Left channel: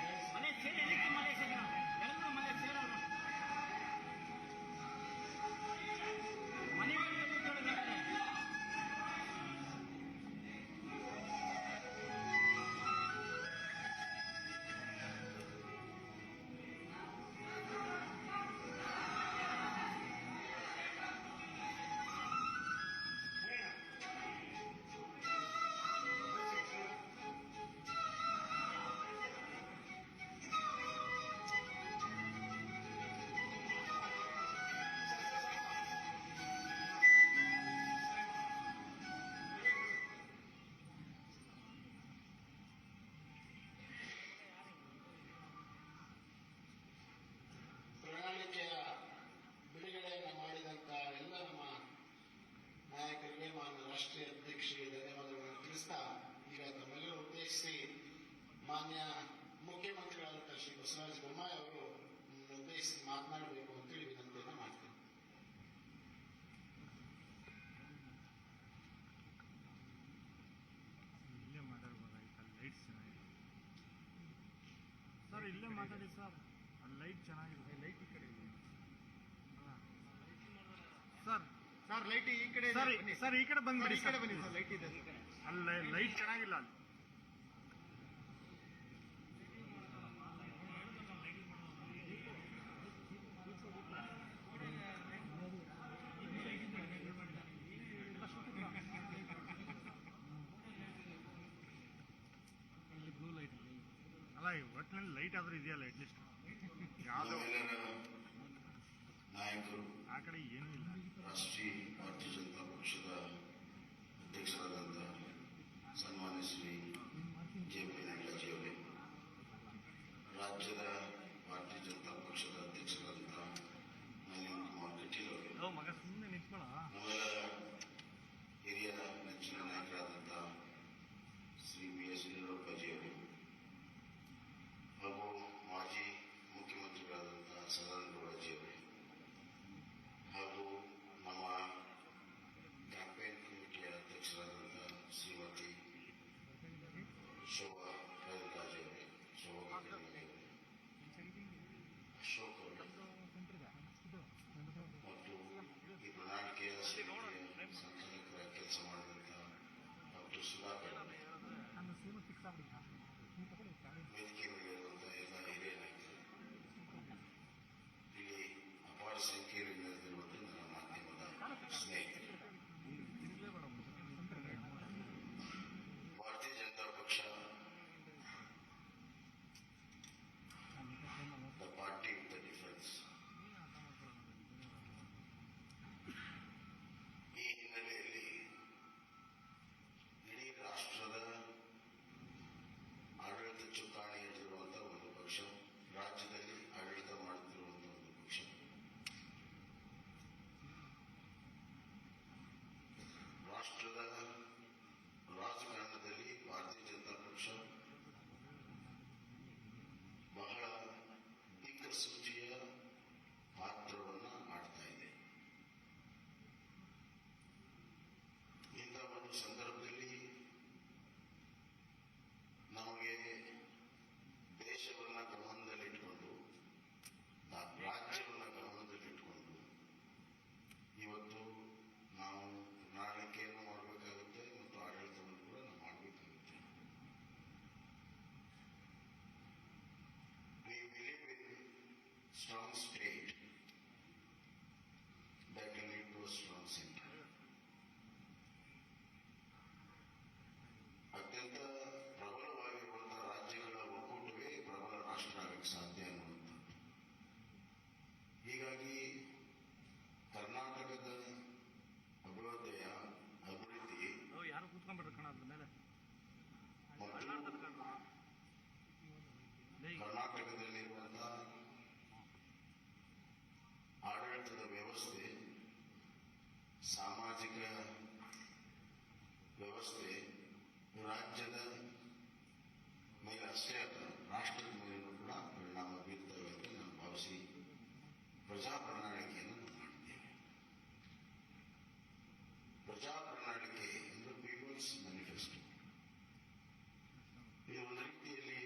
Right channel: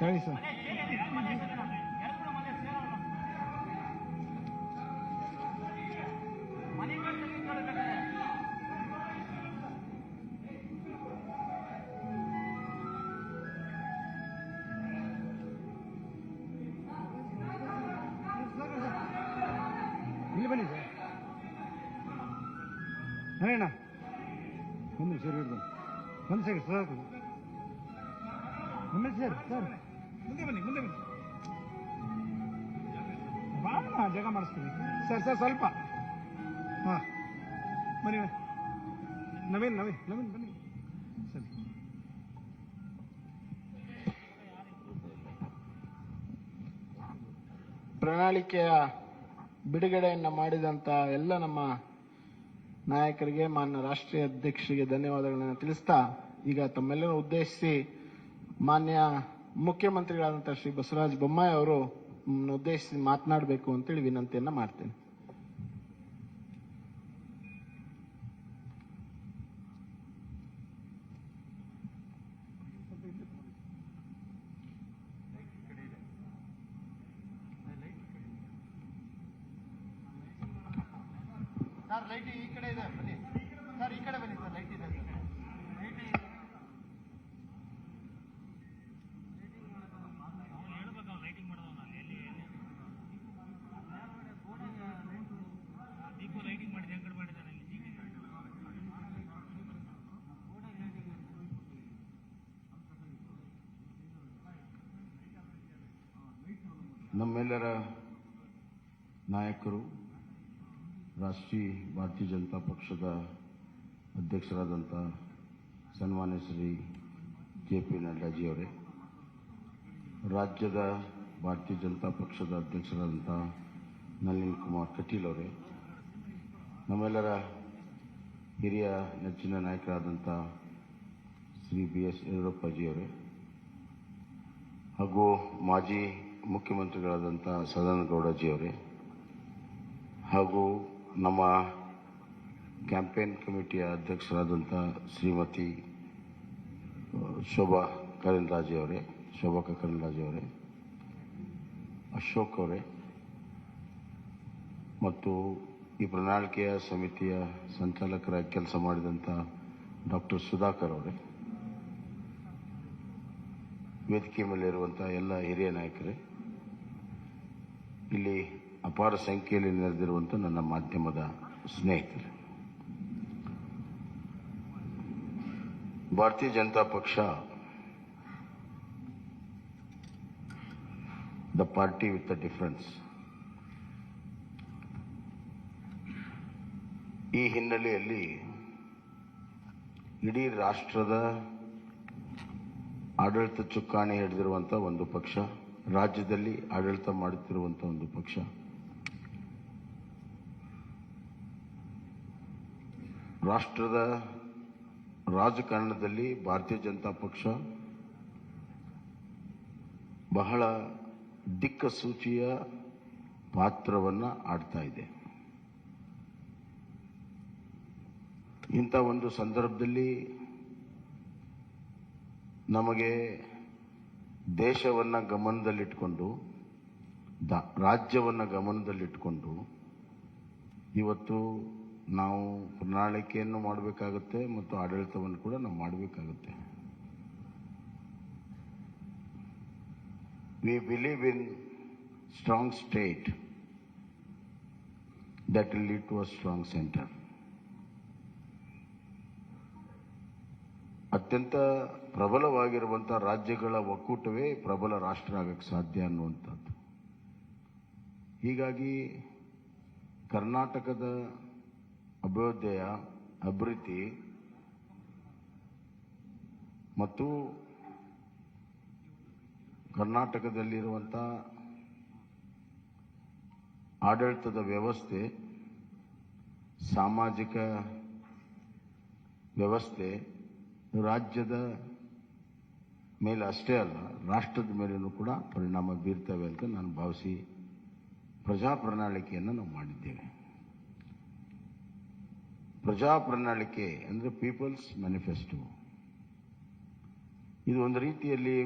ಸರಿ ಸರ್. ಇಲ್ಲಿ ಬನ್ನಿ ಸರ್. ಅಣ್ಣ ಒಂದು ಸರಿ ಒಂದು ಸರಿ ಸರ್ ಒಂದು ಸರ್ ಸರ್ ಮುಂದೆ ಬನ್ನಿ ಜಾಗ ಮಾಡಿಸ್ತೀನಿ ಸರ್ ಸ್ವಲ್ಪ ಹಾಂ ಬನ್ನಿ ನವೀನ್ ಬನ್ನಿ ಸರಿ. ಪ್ರಣಾಳಿಕೆಯ ಬಿಡುಗಡೆಯನ್ನು ಮಾಡಿದಂಥ ಎಲ್ಲ ನಮ್ಮ ನಾಯಕರಿಗೆ, ಮಾನ್ಯ ರಾಷ್ಟ್ರೀಯ ಅಧ್ಯಕ್ಷರಿಗೆ ಧನ್ಯವಾದಗಳನ್ನು ತಿಳಿಸ್ತಾ, ಈಗ ತಮ್ಮೆಲ್ಲರೂ ಉದ್ದೇಶಿಸಿ ಮಾನ್ಯ ಮುಖ್ಯಮಂತ್ರಿಗಳಾದಂಥ ಶ್ರೀ ಬಸವರಾಜ ಬೊಮ್ಮಾಯಿ ಅವರು ಉದ್ದೇಶಿಸಿ ಮಾತನಾಡಬೇಕು ಅಂತೇಳಿ ವಿನಂತಿಯನ್ನು ಮಾಡ್ತೇನೆ. ಸರ್ ಲೈಟ್ ಈ ಕಡೆ ಇದೆ ಸರ್, ಈ ಕಡೆ ಬನ್ನಿ ಸರ್, ಲೈಟ್ ಇದೆ ಸರ್, ಲೈಟ್ ಚೆನ್ನಾಗಿಲ್ಲ. ನಮ್ಮೆಲ್ಲರ ನಾಯಕರು, ರಾಷ್ಟ್ರೀಯ ಭಾರತೀಯ ಜನತಾ ಪಕ್ಷದ ಅಧ್ಯಕ್ಷರಾದಂಥ ಸನ್ಮಾನ್ಯ ಶ್ರೀ J.P.Naddaಜಿಯವರೇ, ರಾಜ್ಯದ ಭಾರತೀಯ ಜನತಾ ಪಕ್ಷದ ಅಧ್ಯಕ್ಷರಾದಂಥ ನಳಿನ್ ಕುಮಾರ್ ಕಟೀಲ್ ಅವರೇ, ನಮ್ಮೆಲ್ಲರ ಹಿರಿಯ ನೆಚ್ಚಿನ ನಾಯಕರಾದಂಥ ಶ್ರೀ B.S. ಯಡಿಯೂರಪ್ಪಜಿಯವರೇ, ಹಾಗೂ ಮಾಜಿ ಮುಖ್ಯಮಂತ್ರಿಗಳಾದಂಥ ಸದಾನಂದಗೌಡಜಿಯವರೇ, ಹಾಗೂ ನಮ್ಮ ಕ್ಯಾಂಪೇನ್ ಕಮಿಟಿಯ ಅಧ್ಯಕ್ಷರಾದಂಥ ಶ್ರೀಮತಿ ಶೋಭಾ ಕರಂದ್ಲಾಜೆಯವರೇ, ಅಶೋಕ್ ಅವರೇ, ಮತ್ತು ಈ ಪ್ರಣಾಳಿಕೆಯ ಸಮಿತಿಯ ಸಂಚಾಲಕರಾಗಿ ಕೆಲಸ ಮಾಡಿದಂಥ ಡಾಕ್ಟರ್ ಸುಧಾಕರ್ ಅವರೇ, ವೇದಿಕೆ ಮೇಲಿರುವಂಥ ಎಲ್ಲ ಹಿರಿಯ ನಾಯಕರೇ, ಇಲ್ಲಿ ಅಪಾರ ಸಂಖ್ಯೆಯಲ್ಲಿ ನೆರೆದಿರುವಂಥ ನನ್ನ ಮಾಧ್ಯಮದ ಸ್ನೇಹಿತರು, ಭಾರತೀಯ ಜನತಾ ಪಕ್ಷ the party with the difference. ಈ ಹಿನ್ನೆಲೆಯಲ್ಲಿ ಇಡೀ ರಾಷ್ಟ್ರದ ಆಡಳಿತ ಚುಕ್ಕಾಣಿ ಹಿಡಿದಿರುವಂಥ ಒಂದು ಪಕ್ಷ, ರಾಜ್ಯದಲ್ಲಿ ಆಡಳಿತ ಮಾಡುತ್ತಿರುವಂಥ ಒಂದು ಪಕ್ಷ, ರಾಷ್ಟ್ರದ ರಾಜಕಾರಣದಲ್ಲಿ ಭಾರತೀಯ ಜನತಾ ಪಕ್ಷ ಬಹಳ ದಿಕ್ಕಸೂಚಿಯ ಪಾತ್ರವನ್ನು ಆಡ್ತಾ ಇದೆ. ಇಂಥ ಒಂದು ಸಂದರ್ಭದಲ್ಲಿ ನಮಗೆ ದೇಶವನ್ನು ಗಮನದಲ್ಲಿಟ್ಕೊಂಡು, ರಾಜ್ಯವನ್ನು ಗಮನದಲ್ಲಿಟ್ಕೊಂಡು ಇವತ್ತು ನಾವು ಪ್ರಣಾಳಿಕೆಯನ್ನು ಮಾಡಬೇಕಾಗುತ್ತೆ ಮತ್ತು ಆಡಳಿತವನ್ನು ಕೂಡ ನಾವು ಮಾಡಬೇಕಾಗುತ್ತೆ. We believe in strong state that will lead to a strong center. ಅತ್ಯಂತ ಪ್ರಬಲವಾಗಿರುವಂಥ ರಾಜ್ಯಗಳ ಒಕ್ಕೂಟವೇ ಪ್ರಬಲ ರಾಷ್ಟ್ರ ಆಗಕ್ಕೆ ಸಾಧ್ಯ ಅನ್ನುವಂಥದ್ದು. ಹೀಗಾಗಿ ಕರ್ನಾಟಕದ ಅಭಿವೃದ್ಧಿ ಮತ್ತು ಕರ್ನಾಟಕದಲ್ಲಿರುವಂಥ ಆಡಳಿತದ ವ್ಯವಸ್ಥೆ, ಸಾಮಾಜಿಕ ವ್ಯವಸ್ಥೆ, ರಾಜ್ಯದ ಮೇಲೆ ಅಷ್ಟೇ ಅಲ್ಲ ರಾಷ್ಟ್ರದ ಮೇಲೂ ಕೂಡ ಪರಿಣಾಮ ಬೀರ್ತವೆ ಅಂತ ನಾನು ಭಾವಿಸಿ ಪ್ರಜಾ ಪ್ರಣಾಳಿಕೆಯನ್ನು ನಾವು ಮಾಡಿದ್ದೇವೆ. ಪ್ರಜಾ ಪ್ರಣಾಳಿಕೆ ಅಂದರೆ ಪೀಪಲ್ಸ್ ಮ್ಯಾನಿಫೆಸ್ಟೋ. ಇದು ಒಂದು ರೀತಿಯಲ್ಲಿ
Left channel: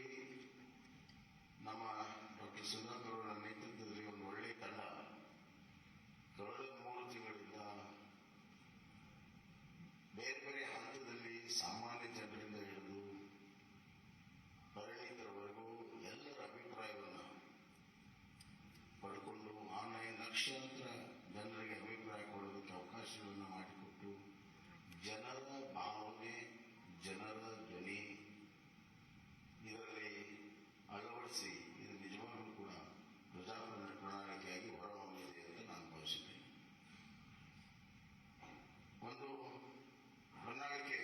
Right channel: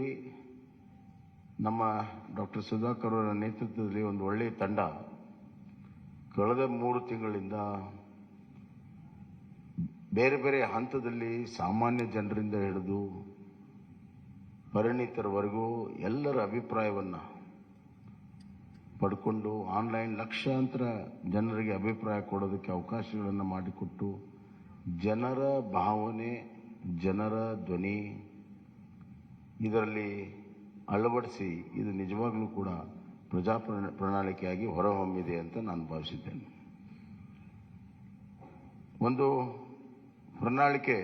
ನಮ್ಮ ಡಾಕ್ಟರ್ ಸುಧಾಕರ್ ಅವರ ನೇತೃತ್ವದಲ್ಲಿ ಒಂದು ಒಳ್ಳೆಯ ತಂಡ ಕಳೆದ 3 ತಿಂಗಳಿಂದ ಬೇರೆ ಬೇರೆ ಹಂತದಲ್ಲಿ ಸಾಮಾನ್ಯ ಜನರಿಂದ ಹಿಡಿದು ಪರಿಣಿತರವರೆಗೂ ಎಲ್ಲರ ಅಭಿಪ್ರಾಯವನ್ನು ಪಡ್ಕೊಂಡು ಆನ್ಲೈನ್ ಲಕ್ಷಾಂತರ ಜನರಿಗೆ ಅಭಿಪ್ರಾಯ ಕೊಡೋದಕ್ಕೆ ಅವಕಾಶಗಳನ್ನು ಮಾಡಿಕೊಟ್ಟು ಜನರ ಭಾವನೆ, ಜನರ ಧ್ವನಿ ಇದರಲ್ಲಿ ಅಳವಡಿಸಿ ಇದು ನಿಜವಾಗ್ಲೂ ಕೂಡ ಪ್ರಜಾ ಪ್ರಣಾಳಿಕೆಯಾಗಿ ಹೊರಹೊಮ್ಮಿದೆ ಅಂತ ನಾನು ಭಾವಿಸಿದ್ದೇನೆ. ಒಂದು ಪ್ರಣಾಳಿಕೆ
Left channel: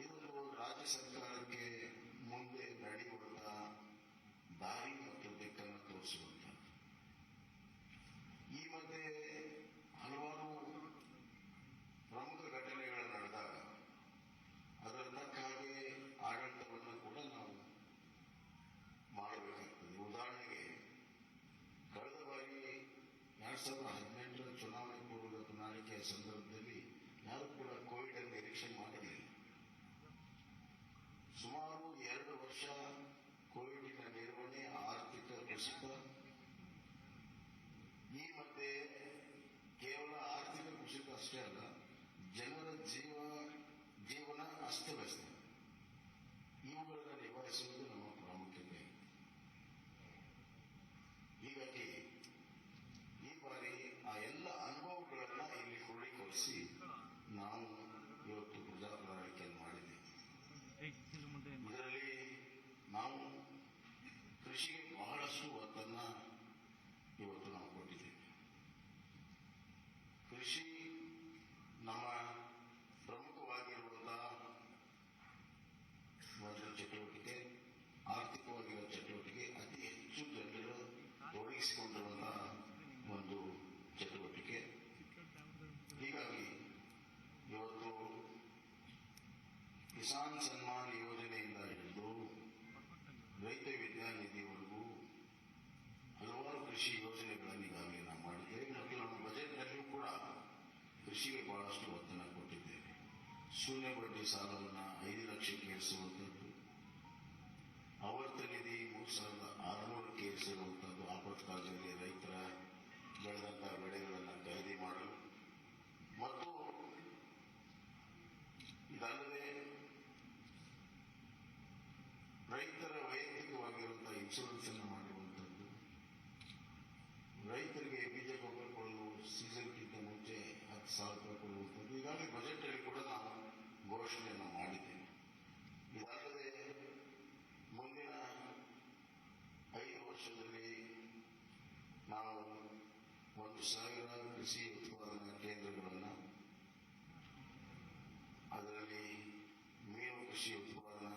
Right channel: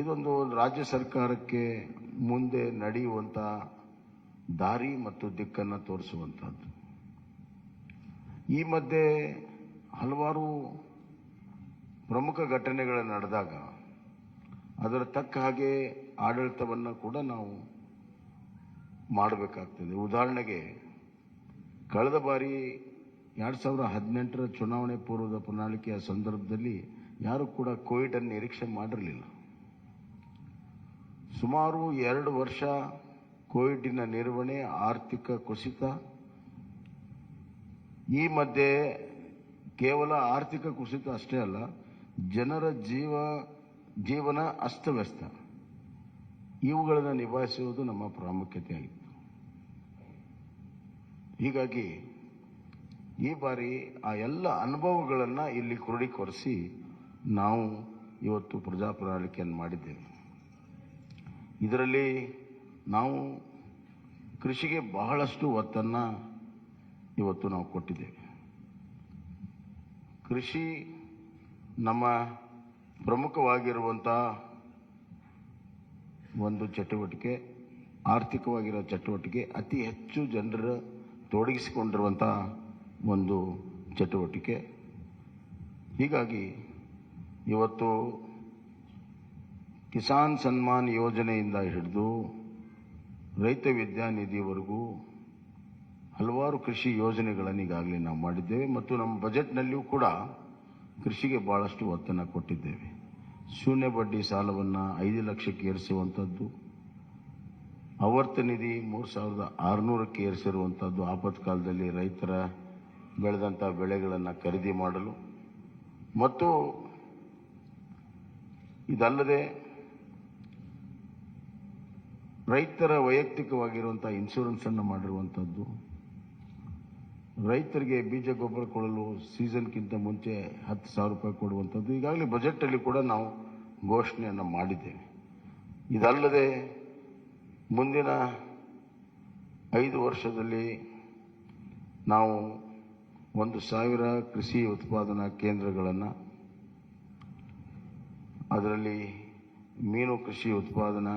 ಇದೊಂದು ರಾಜ್ಯ ಸರ್ಕಾರಕ್ಕೆ ಮುಂದೆ ನಡೆಯುವಂಥ ದಾರಿ ಮತ್ತು ದಿಕ್ಕನ್ನು ತೋರಿಸುವಂಥದ್ದು. ಈ ಮಧ್ಯೆ ಹಲವಾರು ಪ್ರಮುಖ ಘಟನೆಗಳು ನಡೆದಾಗ ಅದರ ತಕ್ಕ ಹಾಗೆ ಆಡಳಿತವನ್ನು ಕೂಡ ನಾವು ಮಾಡಬೇಕಾಗ್ತದೆ. ಉದಾಹರಣೆಗೆ ಕಳೆದ ಬಾರಿ 2018ರ ಚುನಾವಣೆ ಪೂರ್ವದ ಪ್ರಣಾಳಿಕೆಯ ಸಂದರ್ಭದಲ್ಲಿ ಯಾರು ಕೂಡ ಕೋವಿಡ್ ಅನ್ನು ನಿರೀಕ್ಷೆ ಮಾಡಿರಲಿಲ್ಲ. ಸುಮಾರು 2 ವರ್ಷ ಕೋವಿಡ್ನ ನಿರ್ವಹಣೆ, ಆರ್ಥಿಕ ಕುಸಿತ, ಈ ಮಧ್ಯೆ ಕೇವಲ ಆರ್ಥಿಕ ಕುಸಿತ ಅಷ್ಟೇ ಅಲ್ಲ, ಜನರ ಜೀವನ ಅಸ್ತವ್ಯಸ್ತ, ಇವುಗಳನ್ನು ನಿಭಾಯಿಸುವುದು ನಮ್ಮ ಪ್ರಾಮುಖ್ಯತೆ ಆಗಿತ್ತು. ಹೀಗಾಗಿ ಈ ಬಾರಿ ಆ ಎಲ್ಲ ಅನುಭವಗಳನ್ನು ಇಲ್ಲಿ ಕ್ರೋಢೀಕರಿಸಿ ನಾವು ಇವತ್ತು ಪ್ರಜಾ ಪ್ರಣಾಳಿಕೆಯನ್ನು ಮಾಡಿದ್ದೇವೆ. ಇದರಲ್ಲಿ ನಾವು ಕೃಷಿಗೆ ಬಹಳಷ್ಟು ಒತ್ತನ್ನು ಇವತ್ತು ನಾವು ಕೊಟ್ಟಿದ್ದೇವೆ. ಕೃಷಿ ನಮ್ಮ ಪ್ರಮುಖವಾಗಿರುವಂಥ ಒಂದು ಚಟುವಟಿಕೆ, ಆರ್ಥಿಕವಾಗಿರೋ ಚಟುವಟಿಕೆ, ಅತಿ ಹೆಚ್ಚು ಜನರ ತೊಡಗಿಸಿಕೊಂಡಿರುವಂಥ ಒಂದು ಚಟುವಟಿಕೆ. ಹೀಗಾಗಿ ಇವತ್ತು ಕಿಸಾನ್ ಸನ್ಮಾನ್ ಯೋಜನೆಯಿಂದ ಹಿಡಿದು ರೈತ ವಿದ್ಯಾನಿಧಿವರೆಗೂ ಹಲವಾರು ಕೃಷಿ ಯೋಜನೆಗಳನ್ನು ಈಗಾಗಲೇ ನಾವು ಮಾಡಿದ್ದೇವೆ ಮತ್ತು ನಮ್ಮ ಬಜೆಟ್ನಲ್ಲಿಯೂ ಕೂಡ ಕೃಷಿಗೆ ಭಾಳಷ್ಟು ಒತ್ತನ್ನು ಕೊಟ್ಟಿದ್ದೇವೆ. ಶೂನ್ಯ ಬಡ್ಡಿ ಸಾಲವನ್ನು 5 ಲಕ್ಷಕ್ಕೆ ಏರಿಸುವಂಥದ್ದು, ಆವರ್ತ ನಿಧಿ 3600ಕ್ಕೆ ಏರಿಸಿರುವಂಥದ್ದು, ಆಪತ್ಕಾಲದಲ್ಲಿ ರೈತರ ಬೆಳೆದಂಥ ಬೆಳೆಗಳನ್ನು ಖರೀದಿ ಮಾಡಲು, ಮತ್ತು ಇದಲ್ಲದೆ ರೈತರ ವೈಯಕ್ತಿಕವಾಗಿರುವಂಥ ಇನ್ಶೂರೆನ್ಸನ್ನು ಮಾಡಿರುವಂಥದ್ದು, ರೈತರಿಗೆ ಬೀಜ ಗೊಬ್ಬರ ಕೊಡಲು ಸೀಸನ್ಗಿಂತ ಮುಂಚೆ 10,000 ರೂಪಾಯಿ ಕೊಡುವಂಥದ್ದು ಈಗಾಗಲೇ ಬಜೆಟಲ್ಲಿ ಕೂಡ ನಾವು ಘೋಷಣೆಯನ್ನು ಮಾಡಿದ್ದೇವೆ. ಇದಲ್ಲದೆ ಮುಂದಿನ 5 ವರ್ಷದಲ್ಲಿ ನಾವು 1,000 ಕೃಷಿ ಉತ್ಪಾದನಾ ಕೇಂದ್ರಗಳನ್ನು, ಅದರಲ್ಲಿ ಮೀನು ಕೃಷಿ ಉತ್ಪಾದನಾ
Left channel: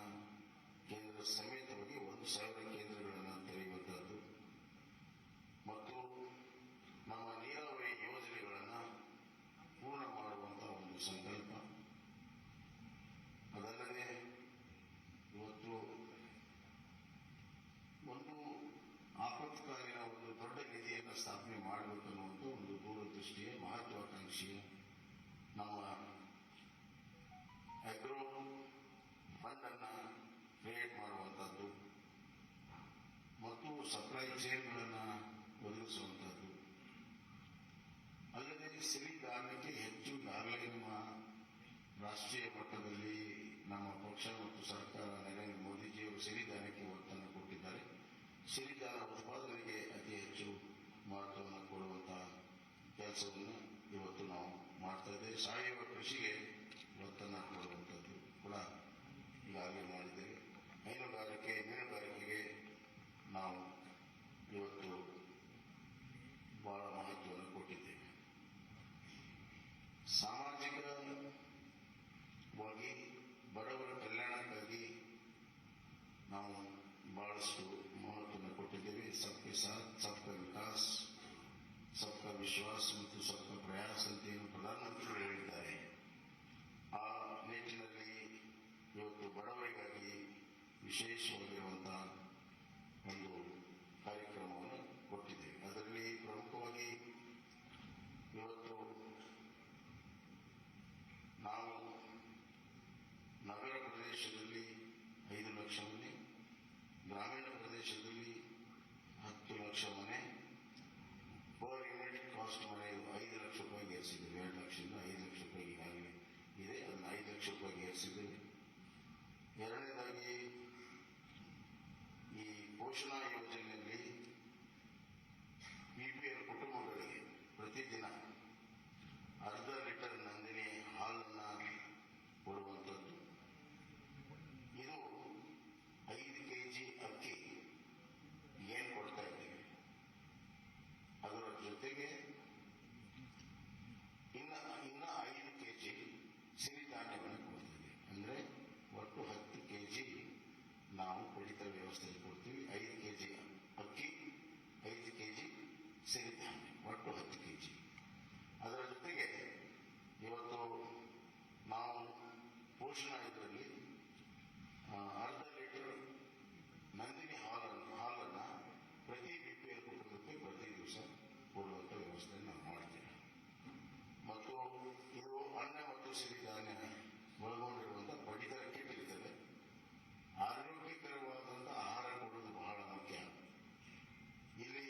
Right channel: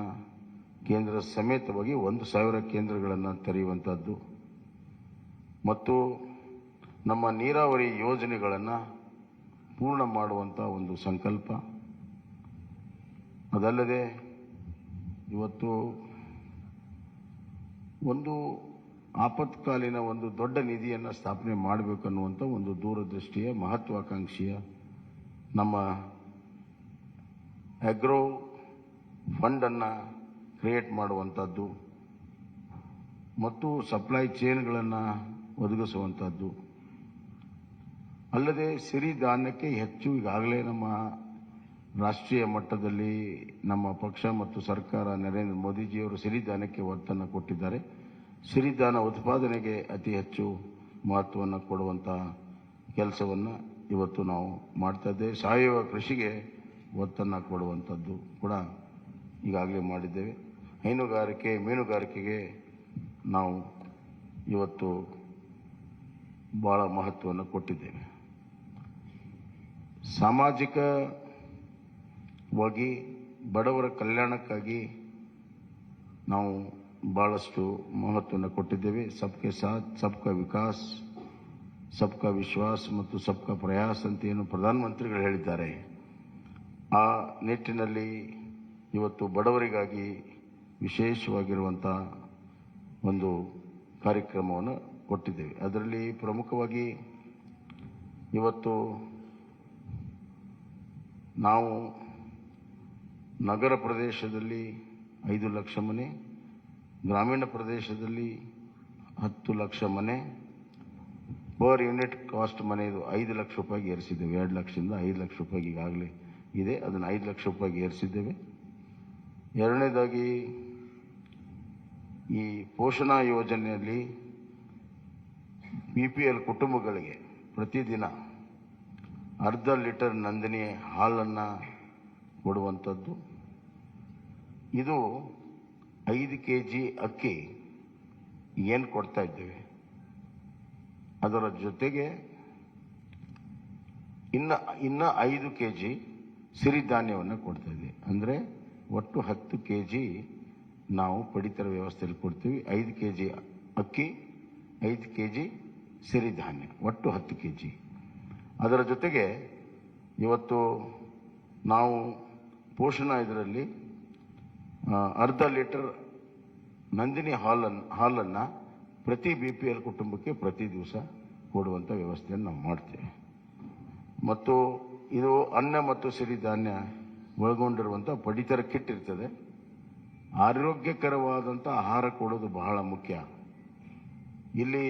ಕೇಂದ್ರ ಸಮೇತವಾಗಿ 1,000 ಕೇಂದ್ರಗಳನ್ನು ತೆರೆಯುವಂಥದ್ದು ಮತ್ತು ನಮ್ಮ ನೀರಾವರಿ ಯೋಜನೆಗಳನ್ನು ಪೂರ್ಣ ಮಾಡುವಂಥ ಒಂದು ಸಂಕಲ್ಪ. ಅದಲ್ಲದೆ ಇವತ್ತು ಒಂದು ಆಪತ್ಕಾಲೀನ ಒಂದು ದೊಡ್ಡ ನಿಧಿಯನ್ನು ಸ್ಥಾಪನೆ ಮಾಡಬೇಕನ್ನುವಂಥ ಒಂದು ದೂರದೃಷ್ಟಿಯ ಮಹತ್ವಾಕಾಂಕ್ಷೆಯ ನಮ್ಮ ಅಗ್ರೋ ಫಂಡನ್ನು ಕ್ರಿಯೇಟ್ ಮಾಡುವಂಥದ್ದು ಮತ್ತು ಸಪ್ಲೈ ಚೈನ್ಗಳನ್ನು ಒದಗಿಸುವಂಥದ್ದು. ಅಲ್ಲದೆ ಸಿರಿಧಾನ್ಯಕ್ಕೆ ಹೆಚ್ಚು ಈಗಾಗಲೇ ನಮ್ಮ ರಾಷ್ಟ್ರೀಯ ಮಟ್ಟದಲ್ಲಿ ನಮ್ಮ ಪಕ್ಷ ಮತ್ತು ಸರ್ಕಾರ ನರೇಂದ್ರ ಮೋದಿಜಿಯವರು ಸಿರಿಧಾನ್ಯಕ್ಕೆ ಒತ್ತನ್ನು ಕೊಟ್ಟಿದ್ದಾರೆ. ಸಿರಿಧಾನ್ಯ ಉತ್ಪಾದನೆಗೆ ಅತಿ ಹೆಚ್ಚು ಮಹತ್ವವನ್ನು ಕೊಡುವಂಥ ಕೆಲಸವನ್ನು ಇವತ್ತು ನಾವು ಮಾಡ್ತಾ ಇದ್ದೇವೆ. ಸಾವಯವ ಕೃಷಿಗೆ ಒತ್ತನ್ನು ಕೊಡುವಂಥದ್ದು ಕೂಡ ಈಗಾಗಲೇ ಮಾಡಿದ್ದೇವೆ. ಹೈನುಗಾರಿಕೆ, ಮೀನುಗಾರಿಕೆಗೆ ನಾವು ಇವತ್ತು ಭಾಳ ಮಹತ್ವವನ್ನು ಕೊಟ್ಟಿದ್ದೇವೆ. ಸಾಮಾಜಿಕವಾಗಿ ಬಡವರ ಕಲ್ಯಾಣಕ್ಕಾಗಿ ನಾವು ಭಾಳಷ್ಟು ಮಹತ್ವವನ್ನು ಕೊಟ್ಟಿದ್ದೇವೆ. ಸಬ್ಕೆ ಸಾಥ್ ಸಬ್ಕಾ ವಿಕಾಸ್, ಸಬ್ಕಾ ವಿಶ್ವಾಸ್ ಮತ್ತು ಸಬ್ಕಾ ಪ್ರಯಾಸ್ ಅಂತ ಏನು ಪ್ರಧಾನಮಂತ್ರಿಗಳು ಹೇಳಿದ್ದಾರೆ, ಆ ನಿಟ್ಟಿನಲ್ಲಿ ಇವತ್ತು ಬಡವರಿಗಾಗಿ ವಿಶೇಷವಾಗಿರುವಂಥ ಒಂದು ಕಾರ್ಯಕ್ರಮವನ್ನು ಕೊಟ್ಟಿದ್ದೇವೆ. ಅದರಲ್ಲಿ ಪ್ರಮುಖವಾಗಿ ಇವತ್ತು ನಾವು ನಗರ ಪ್ರದೇಶದಲ್ಲಿ 5 ಲಕ್ಷ ಮನೆ, ಗ್ರಾಮೀಣ ಪ್ರದೇಶದಲ್ಲಿ 10 ಲಕ್ಷ ಮನೆ, ಪರ್ ಯೂನಿಟ್ ಕಾಸ್ಟ್ ಮನೆಯದು 5 ಲಕ್ಷ ರೂಪಾಯಿಗೆ ಏರಿಸಿದ್ದೇವೆ. 2 ಲಕ್ಷದಿಂದ 5 ಲಕ್ಷ ರೂಪಾಯಿಗೆ ಈಗಾಗಲೇ ಇದೆ, ಅದನ್ನು 5 ಲಕ್ಷ ರೂಪಾಯಿಗೆ ಏರಿಸಿದ್ದೇವೆ. ಎರಡನೇದಾಗಿ ಈ ಪೋಷಣಾ ಯೋಜನೆಯಲ್ಲಿ BPL ಕುಟುಂಬಗಳಿಗೆ ಪ್ರತಿದಿನ ಅರ್ಧ ಲೀಟರ್ ನಂದಿನಿ ಹಾಲನ್ನು ಕೊಡುವಂಥದ್ದು. ಇದು 5 kg ಅಕ್ಕಿ ಏನು ಕೊಡ್ತಾ ಇದ್ದೇವೆ, ಅದರ ಜೊತೆಗೆ ಇನ್ನು 5 kg ಸಿರಿಧಾನ್ಯವನ್ನು ಕೊಡ್ತಾ ಇದ್ದೀವಿ. ಅಂದರೆ ಒಟ್ಟು 10 kg ನಾವು ಪಡಿತರ ವ್ಯವಸ್ಥೆಯಲ್ಲಿ ಕೊಡ್ತೀವಿ. 5 kg ಅಕ್ಕಿ, 5 kg ಸಿರಿಧಾನ್ಯ, ಒಟ್ಟು 10 kg. ಅದರ ಜೊತೆಗೆ ಇವತ್ತು ನಾವು ಪೋಷಣಾ ಇದರಲ್ಲಿ ಅರ್ಧ ಲೀಟರ್ ನಂದಿನಿ ಹಾಲನ್ನು ಪ್ರತಿ BPL ಕುಟುಂಬಕ್ಕೆ ಪ್ರತಿ ದಿವಸ ಕೊಡುವಂಥ ವ್ಯವಸ್ಥೆಯನ್ನು ನಾವು ಮಾಡ್ತೇವೆ. ಮತ್ತು ಇದು ಅನ್ನ ಮತ್ತು ಸಿರಿಧಾನ್ಯ ಒಳಗೊಂಡಿರುವಂಥ ಪಡಿತರ ಕಿಟ್ ಇರ್ತದೆ. ಆರೋಗ್ಯಕರವಾದಂಥ ಆಹಾರ ಕೊಡೋದು ಬಹಳ ಮುಖ್ಯ. ಇಲ್ಲಿ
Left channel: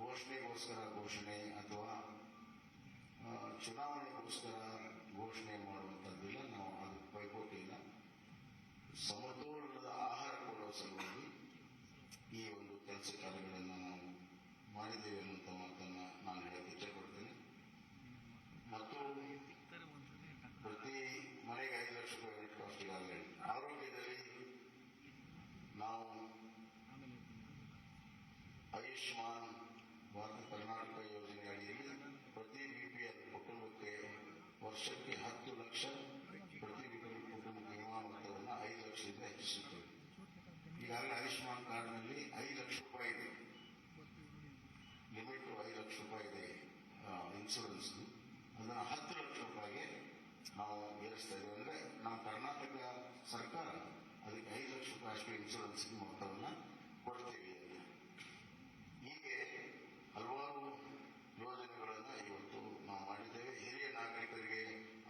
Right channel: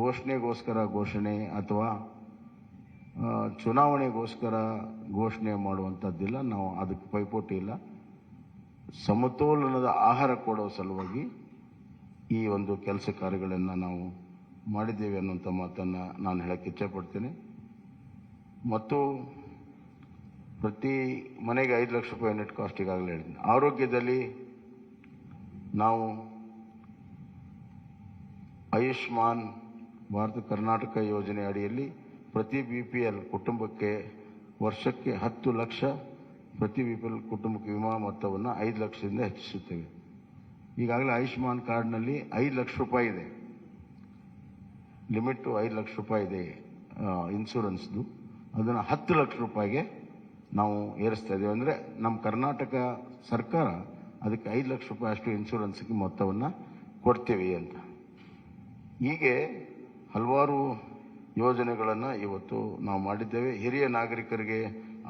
ಘೋಷಣೆಗೋಸ್ಕರ ಘೋಷಣೆ ಅಥವಾ ಚುನಾವಣೆಗೋಸ್ಕರ ಘೋಷಣೆ ಮಾಡುವಂಥದ್ದಿಲ್ಲ. ನಾವು ಅದಕ್ಕೆ ಪೈಪೋಟಿ ಇಲ್ಲ. ಸಮತೋಲನದ ಆಹಾರ ಕೊಡೋ ಸಲುವಾಗಿ ಈ ಒಂದು ಕೆಲಸ ಕಾರ್ಯಗಳನ್ನು ನಾವು ಮಾಡಿದ್ದೇವೆ ಅನ್ನುವಂಥ ಮಾತನ್ನು ನಾನು ಹೇಳಕ್ಕೆ ಇಚ್ಛೆಪಡ್ತೇನೆ. ಮತ್ತು ಪ್ರತಿ ಮನೆಗೆ 5 ಲಕ್ಷ ರೂಪಾಯಿ ನೆಟ್ ಕಾಸ್ಟ್ ಈಗಾಗಲೇ ಹೇಳಿದ್ದೀನಿ. ಆರೋಗ್ಯದಲ್ಲಿ ನಾವು ಆಯುಷ್ಮಾನ್ ಭಾರತ ಕರ್ನಾಟಕ ಯೋಜನೆ ಅಡಿಯಲ್ಲಿ ಪ್ರತಿ BPL ಕುಟುಂಬಕ್ಕೆ ವರ್ಷಕ್ಕೆ 10 ಲಕ್ಷ ಪ್ರತಿ BPL ಕುಟುಂಬಕ್ಕೆ ವಿಮಾ ಮೊತ್ತವನ್ನು 5 ಲಕ್ಷದಿಂದ ಹೆಚ್ಚಿಸುತ್ತೇವೆ. ಈಗಾಗಲೇ ಆಯುಷ್ಮಾನ್ ಕಾರ್ಡ್ನಲ್ಲಿ 5 ಲಕ್ಷ ರೂಪಾಯಿ ಇದೆ, ಲಿಮಿಟು 5 ಲಕ್ಷ ರೂಪಾಯಿ ಇದೆ ಇನ್ಶೂರೆನ್ಸ್ದು. ಅದನ್ನು 10 ಲಕ್ಷ ರೂಪಾಯಿಗೆ ನಾವು ಏರಿಸ್ತಾ ಇದ್ದೇವೆ. ಅಂದರೆ ನಮ್ಮ ಕರ್ನಾಟಕ ಸರ್ಕಾರ ಅದಕ್ಕೆ 5 ಲಕ್ಷ ರೂಪಾಯಿ ಅಷ್ಟು ಇನ್ಶೂರೆನ್ಸ್ಗೆ ಮೊತ್ತವನ್ನು ಕೊಡ್ತೀವಿ ಅಂತ. ಹೀಗೆ ಹಲವಾರು ಯೋಜನೆಗಳನ್ನು ಇವತ್ತು ನಾವು ಮಾಡಿದ್ದೇವೆ. ಹಿರಿಯ ನಾಗರಿಕರಿಗೆ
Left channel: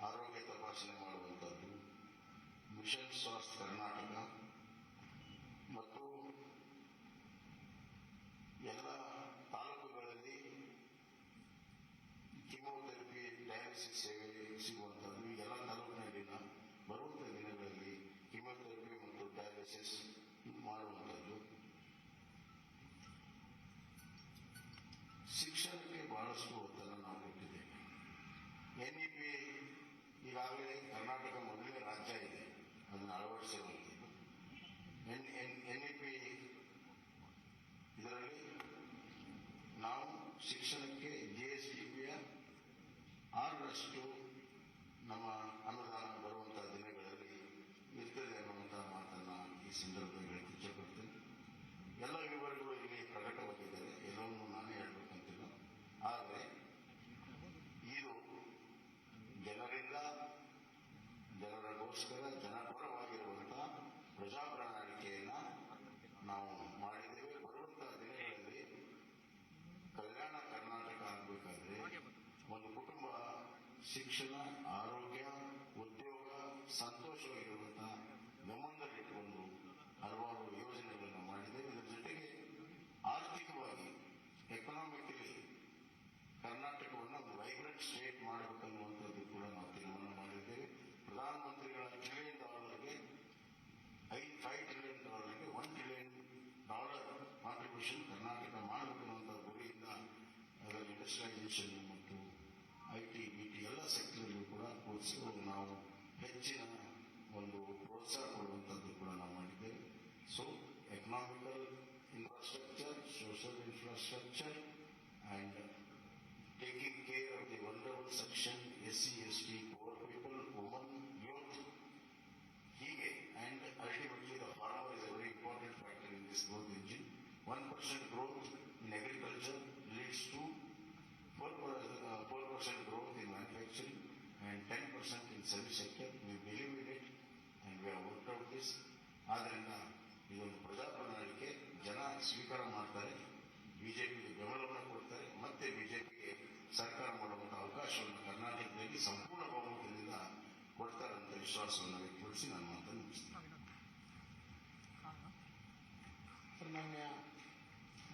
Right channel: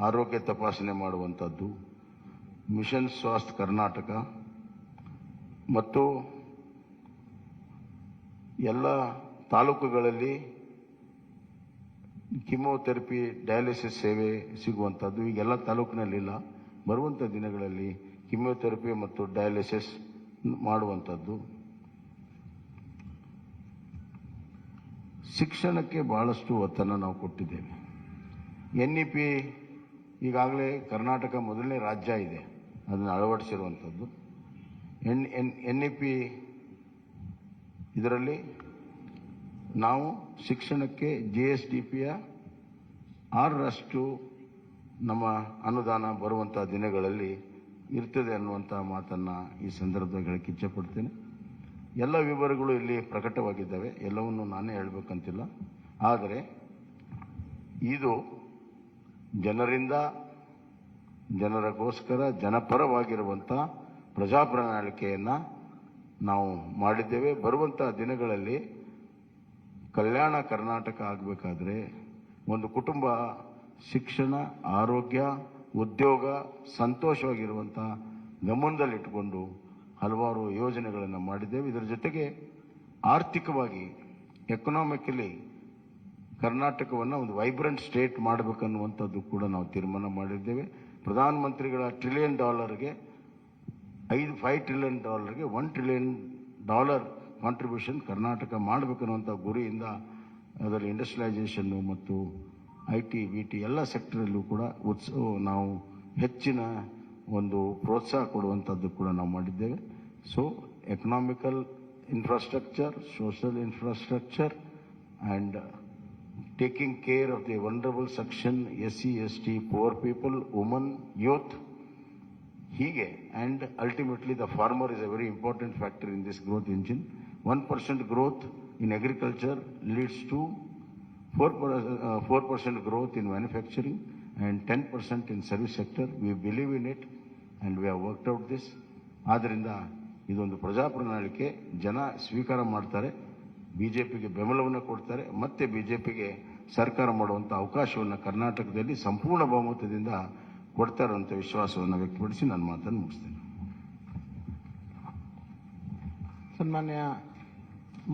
ಆರೋಗ್ಯ ತಪಾಸಣೆ ಮಾಡುವಂಥದ್ದು, ಮಿಷನ್ ಸ್ವಾಸ್ಥ್ಯ ಕರ್ನಾಟಕ ಮತ್ತು ಎಲ್ಲ ತಾಲೂಕುಗಳಲ್ಲಿ ಕಿಮೋಥೆರಪಿ ಡಯಾಲಿಸಿಸ್ ಸೇವೆ ಸಿಗುವಂಥದ್ದು ಈಗೆಲ್ಲ ತಾಲೂಕಿನಲ್ಲಿಲ್ಲ. ಬರುವಂಥ ದಿನಗಳಲ್ಲಿ ಕಿಮೋಥೆರಪಿ ಮತ್ತು ಡಯಾಲಿಸಿಸ್ ಮಾಡುವಂಥದ್ದು. ಶಿಕ್ಷಣಕ್ಕೆ ಬಹಳಷ್ಟು ಒತ್ತನ್ನು ನಾವು ಕೊಟ್ಟಿದ್ದೇವೆ. NEP ಈಗಾಗಲೇ ಕರ್ನಾಟಕ ಮೊದಲನೇ ರಾಜ್ಯ ಇದೆ ಅದನ್ನು ಅಳವಡಿಸಿರುವಂಥದ್ದು. NEP ಇದರಲ್ಲಿ ನಾವು ಶಿಕ್ಷಣಕ್ಕೆ GSDPಯ 6% ನಮ್ಮ ಅನುದಾನ ಬರುವಂಥ ದಿನಗಳಲ್ಲಿ ಇರ್ತದೆ ಅನ್ನುವಂಥ ಮಾತನ್ನು ಈ ಸಂದರ್ಭದಲ್ಲಿ ಹೇಳಕ್ಕೆ ಇಚ್ಛೆಪಡ್ತೇನೆ. ಎಲ್ಲ ವಿವರಗಳು ಇಲ್ಲಿ ಪ್ರಕಟವಾಗಿದ್ದಾವೆ, ಎಲ್ಲವನ್ನು ನಾನೇ ಹೇಳಬೇಕಂತಿಲ್ಲ. ಆದರೆ ಇದು ಜನರಿಂದ ಜನರಿಗೋಸ್ಕರ ಜನಪರವಾಗಿರುವಂಥ ಪ್ರಜಾಪ್ರಣಾಳಿಕೆಯನ್ನು ನಾವು ಮಾಡಿದ್ದೇವೆ. ಬರುವಂಥ ದಿನಗಳಲ್ಲಿ ಕಲ್ಯಾಣ ಕರ್ನಾಟಕ ಆಗಬೇಕಾದ್ರೆ ಒಂದು ಕುಟುಂಬ ಶಿಕ್ಷಣ, ಆರೋಗ್ಯ, ಉದ್ಯೋಗ, ಸಂತೋಷವಾಗಿರುವಂಥ ಗಮನದಲ್ಲಿಟ್ಟುಕೊಂಡು ಹಲವಾರು ಯೋಜನೆಗಳನ್ನು ಮಾಡಿದ್ದೇವೆ. ಇದರ ಜೊತೆಗೆ ಆರ್ಥಿಕವಾಗಿ ಎಕನಾಮಿಕಲಿ ಕರ್ನಾಟಕವನ್ನು ಒಂದು ವೈಬ್ರೆಂಟ್ ಸ್ಟೇಟ್ ಮಾಡಬೇಕನ್ನುವಂಥದ್ದು ಕೂಡ ನಾವು ತೀರ್ಮಾನ ಮಾಡಿದ್ದೇವೆ. ಪ್ರಧಾನಮಂತ್ರಿಗಳ $1 ಟ್ರಿಲಿಯನ್ಗೆ $5 ಟ್ರಿಲಿಯನ್ $1 ಟ್ರಿಲಿಯನ್ ಕಾಂಟ್ರಿಬ್ಯೂಷನ್ ಕರ್ನಾಟಕ ಮಾಡಬೇಕನ್ನುವಂಥ ಗುರಿಯಿಂದ ಅದರಲ್ಲಿ ಇಂಡಸ್ಟ್ರಿಯಲೈಸೇಷನ್ನು ಮತ್ತು IT, BT ಎಲ್ಲ ಸೆಕ್ಟರಲ್ಲೂ ಕೂಡ ನಾವು ಹೆಚ್ಚಿನ ಒಂದು ಪ್ರೋತ್ಸಾಹ ಕೊಡುವಂಥದ್ದು ಕೂಡ ನಾವು ಮಾಡಿದ್ದೇವೆ. So economical infrastructure, social infrastructure and taking care of the vulnerable section, SC, ST, poor people, women, youth, hige, and ultimately the farmer is a very important factor in this growth engine. 1% growth in agriculture leads to 4% growth in manufacturing and 10% in service sector. We believe in it. And we have worked out this. ಆದ್ದರಿಂದ ಇದೊಂದು ಪ್ರಜಾ ಪ್ರಣಾಳಿಕೆ, ಜನ ಸ್ವೀಕಾರ ಮಾಡ್ತಾರೆ, ಬಿಜೆಪಿಗೆ ಬೆಂಬಲವನ್ನು ಕೊಡ್ತಾರೆ, ಮತ್ತೆ ಬಿಜೆಪಿಗೆ ಸರ್ಕಾರ ಮಾಡುವಂಥ ಅವಕಾಶವನ್ನು ಕರ್ನಾಟಕದಲ್ಲಿ ಸಂಪೂರ್ಣ ಬಹುಮತದಿಂದ ಕೊಡ್ತಾರೆ ಅಂತ ವಿಶ್ವಾಸವನ್ನು ವ್ಯಕ್ತಪಡಿಸಿ ನನ್ನ ಮಾತನ್ನು ಮುಗಿಸ್ತೇನೆ. ಸನ್ಮಾನ್ಯ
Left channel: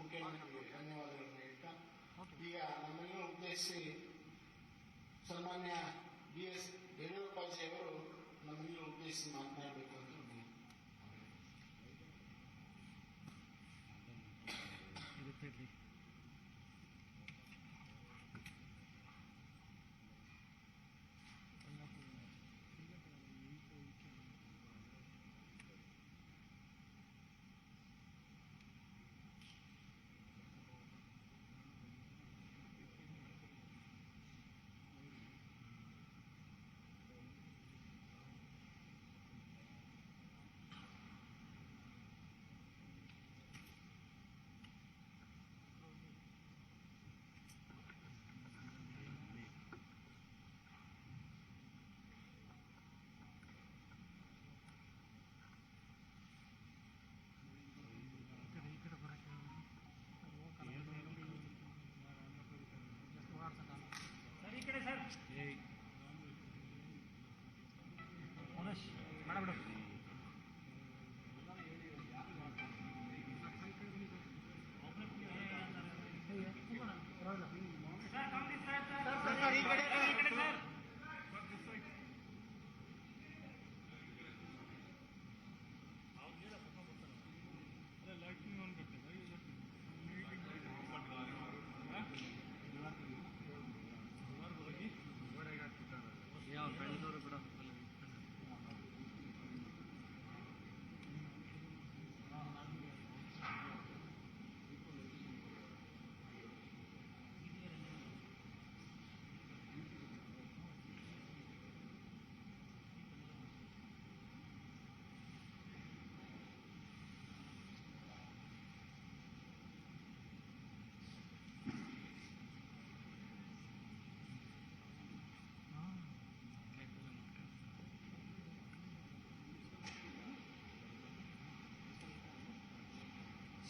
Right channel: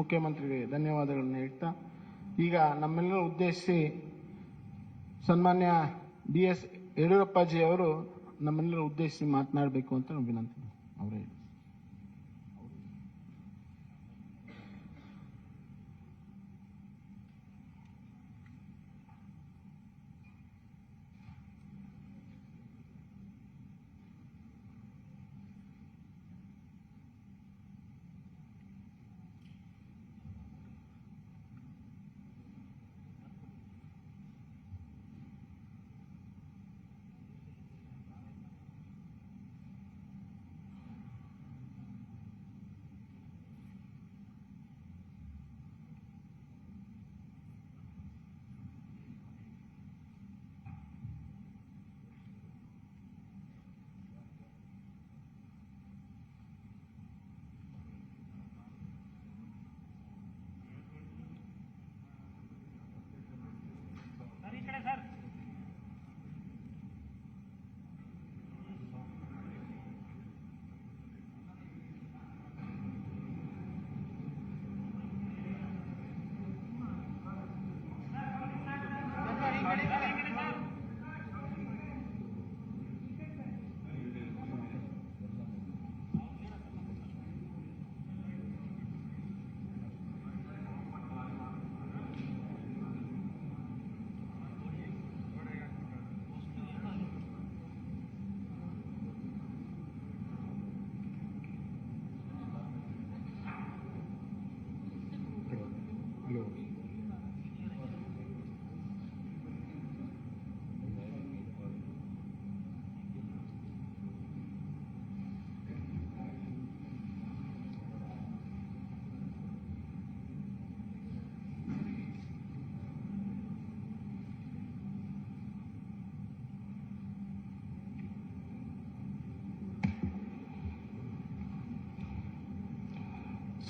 ಮುಖ್ಯಮಂತ್ರಿಗೆ ಧನ್ಯವಾದಗಳನ್ನು ಹೇಳ್ತಾ, ಈಗ ನಮ್ಮೆಲ್ಲರೂ ಉದ್ದೇಶಿಸಿ ಸನ್ಮಾನ್ಯ BS ಯಡಿಯೂರಪ್ಪಾಜಿ ಅವರು ನಮ್ಮೆಲ್ಲರೂ ಉದ್ದೇಶಿಸಿ ಮಾತನಾಡಬೇಕು ಅಂತ ವಿನಂತಿ. ಅವರೇ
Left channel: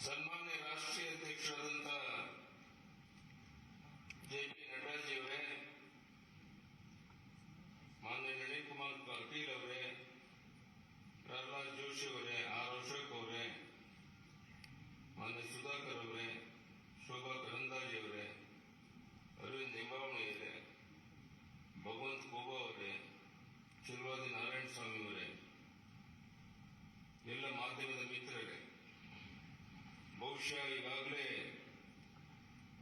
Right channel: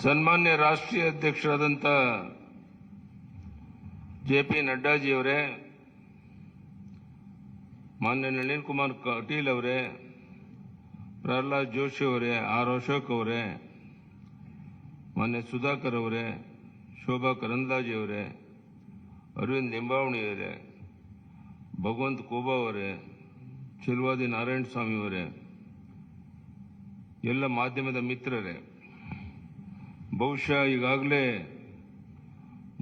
ಸನ್ಮಾನ್ಯ ರಾಷ್ಟ್ರೀಯ ಅಧ್ಯಕ್ಷರಾದಂಥ J.P.Naddaಜಿಯವರೇ, ಮಾನ್ಯ ನಳಿನ್ ಕುಮಾರ್ ಕಟೀಲ್ ಅವರೇ, ಪ್ರಹ್ಲಾದ್ ಜೋಶಿ ಅವರೇ, ಆರ್ ಅಶೋಕ್ ಅವರೇ, ಮಾನ್ಯ ಸುಧಾಕರ್ ಅವರೇ, ಶೋಭಾ ಕರಂದ್ಲಾಜೆ ಅವರೇ, ಅರವಿಂದ್ ನಿಂಬಾವಣಿ ಅವರೇ, ಭಗವಂತ್ ಕೋಬಾ ಅವರೇ, ಚಿಲ್ವಾದಿ ನಾರಾಯಣ ಸ್ವಾಮಿ ಅವರೇ, ಎಲ್ಲ ಮಾಧ್ಯಮದ ಮಿತ್ರರೇ, ಬಹುಶಃ ಈಗಾಗಲೇ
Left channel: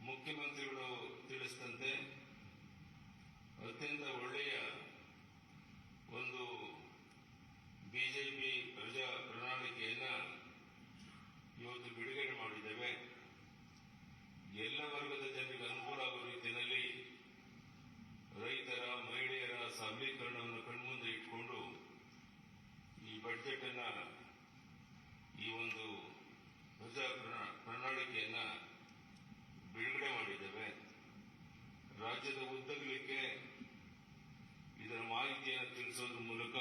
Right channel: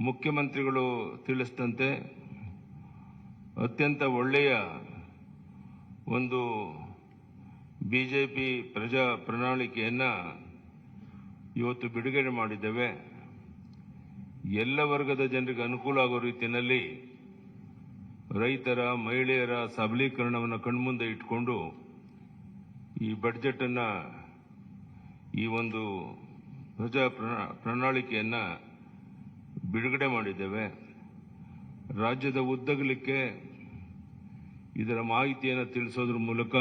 ಮುಖ್ಯಮಂತ್ರಿಗಳು ತಿಳಿಸಿದಂತೆ ಅತ್ಯಂತ ಒಳ್ಳೆಯ ಒಂದು ಬಿಜೆಪಿ ಪ್ರಜಾ ಪ್ರಣಾಳಿಕೆಯನ್ನು ಇವತ್ತು ಬಿಡುಗಡೆ ಮಾಡಿದ್ದೇವೆ. ಎಲ್ಲ ವರ್ಗದ ಜನರಿಗೆ ಅನುಕೂಲ ಆಗೋ ರೀತಿಯಲ್ಲಿ ರೈತರ, ಮಹಿಳೆಯರ ಸಬಲೀಕರಣವನ್ನು ಕಣ್ಮುಂದೆ ಇಟ್ಕೊಂಡು ಈ ಬಜೆಟನ್ನು, ಈ ಒಂದು ಪ್ರಜಾ ಪ್ರಣಾಳಿಕೆಯನ್ನು ಬಿಡುಗಡೆ ಮಾಡಿದ್ದೇವೆ. ರಾಜ್ಯದ ಉದ್ದಗಲಿಕ್ಕೆ ಇದರ ಮಾಹಿತಿಯನ್ನು ತಿಳಿಸೋದ್ರ ಮೂಲಕ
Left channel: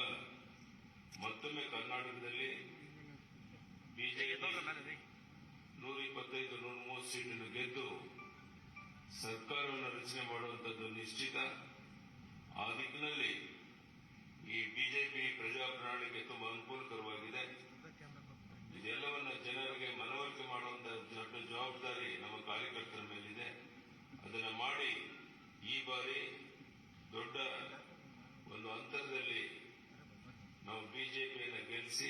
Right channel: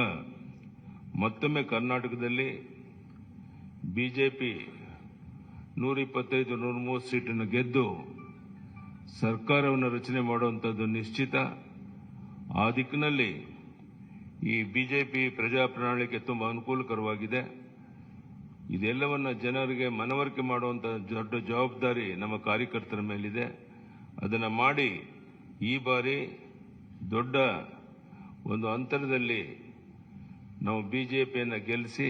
ಮತ್ತೊಮ್ಮೆ ಕರ್ನಾಟಕದಲ್ಲಿ ಬಿಜೆಪಿ 125-130 ಸೀಟನ್ನು ಗೆದ್ದು ಸರ್ಕಾರವನ್ನು ರಚನೆ ಮಾಡುವಂಥದ್ದು ನಿಶ್ಚಿತ. ಆ ದಿಕ್ಕಿನಲ್ಲಿ ಈ ಬಿಜೆಪಿ ಪ್ರಜಾ ಪ್ರಣಾಳಿಕೆ ತುಂಬ ಅನುಕೂಲಕರವಾಗಿದೆ. ಇದೆಲ್ಲವನ್ನ ಜನರಿಗೆ ಮನವರಿಕೆ ಮಾಡುವಂಥ ದೊಡ್ಡ ಜವಾಬ್ದಾರಿ ನಮ್ಮ ಕಾರ್ಯಕರ್ತರ ಮೇಲಿದೆ. ಅದನ್ನು ಮಾಡಿ ಈ ಬಾರಿ ದೊಡ್ಡ ಒಂದು ಅಂತರದಲ್ಲಿ ನಾವು ಬಿಜೆಪಿಯನ್ನು ಗೆಲ್ಲಿಸಿ,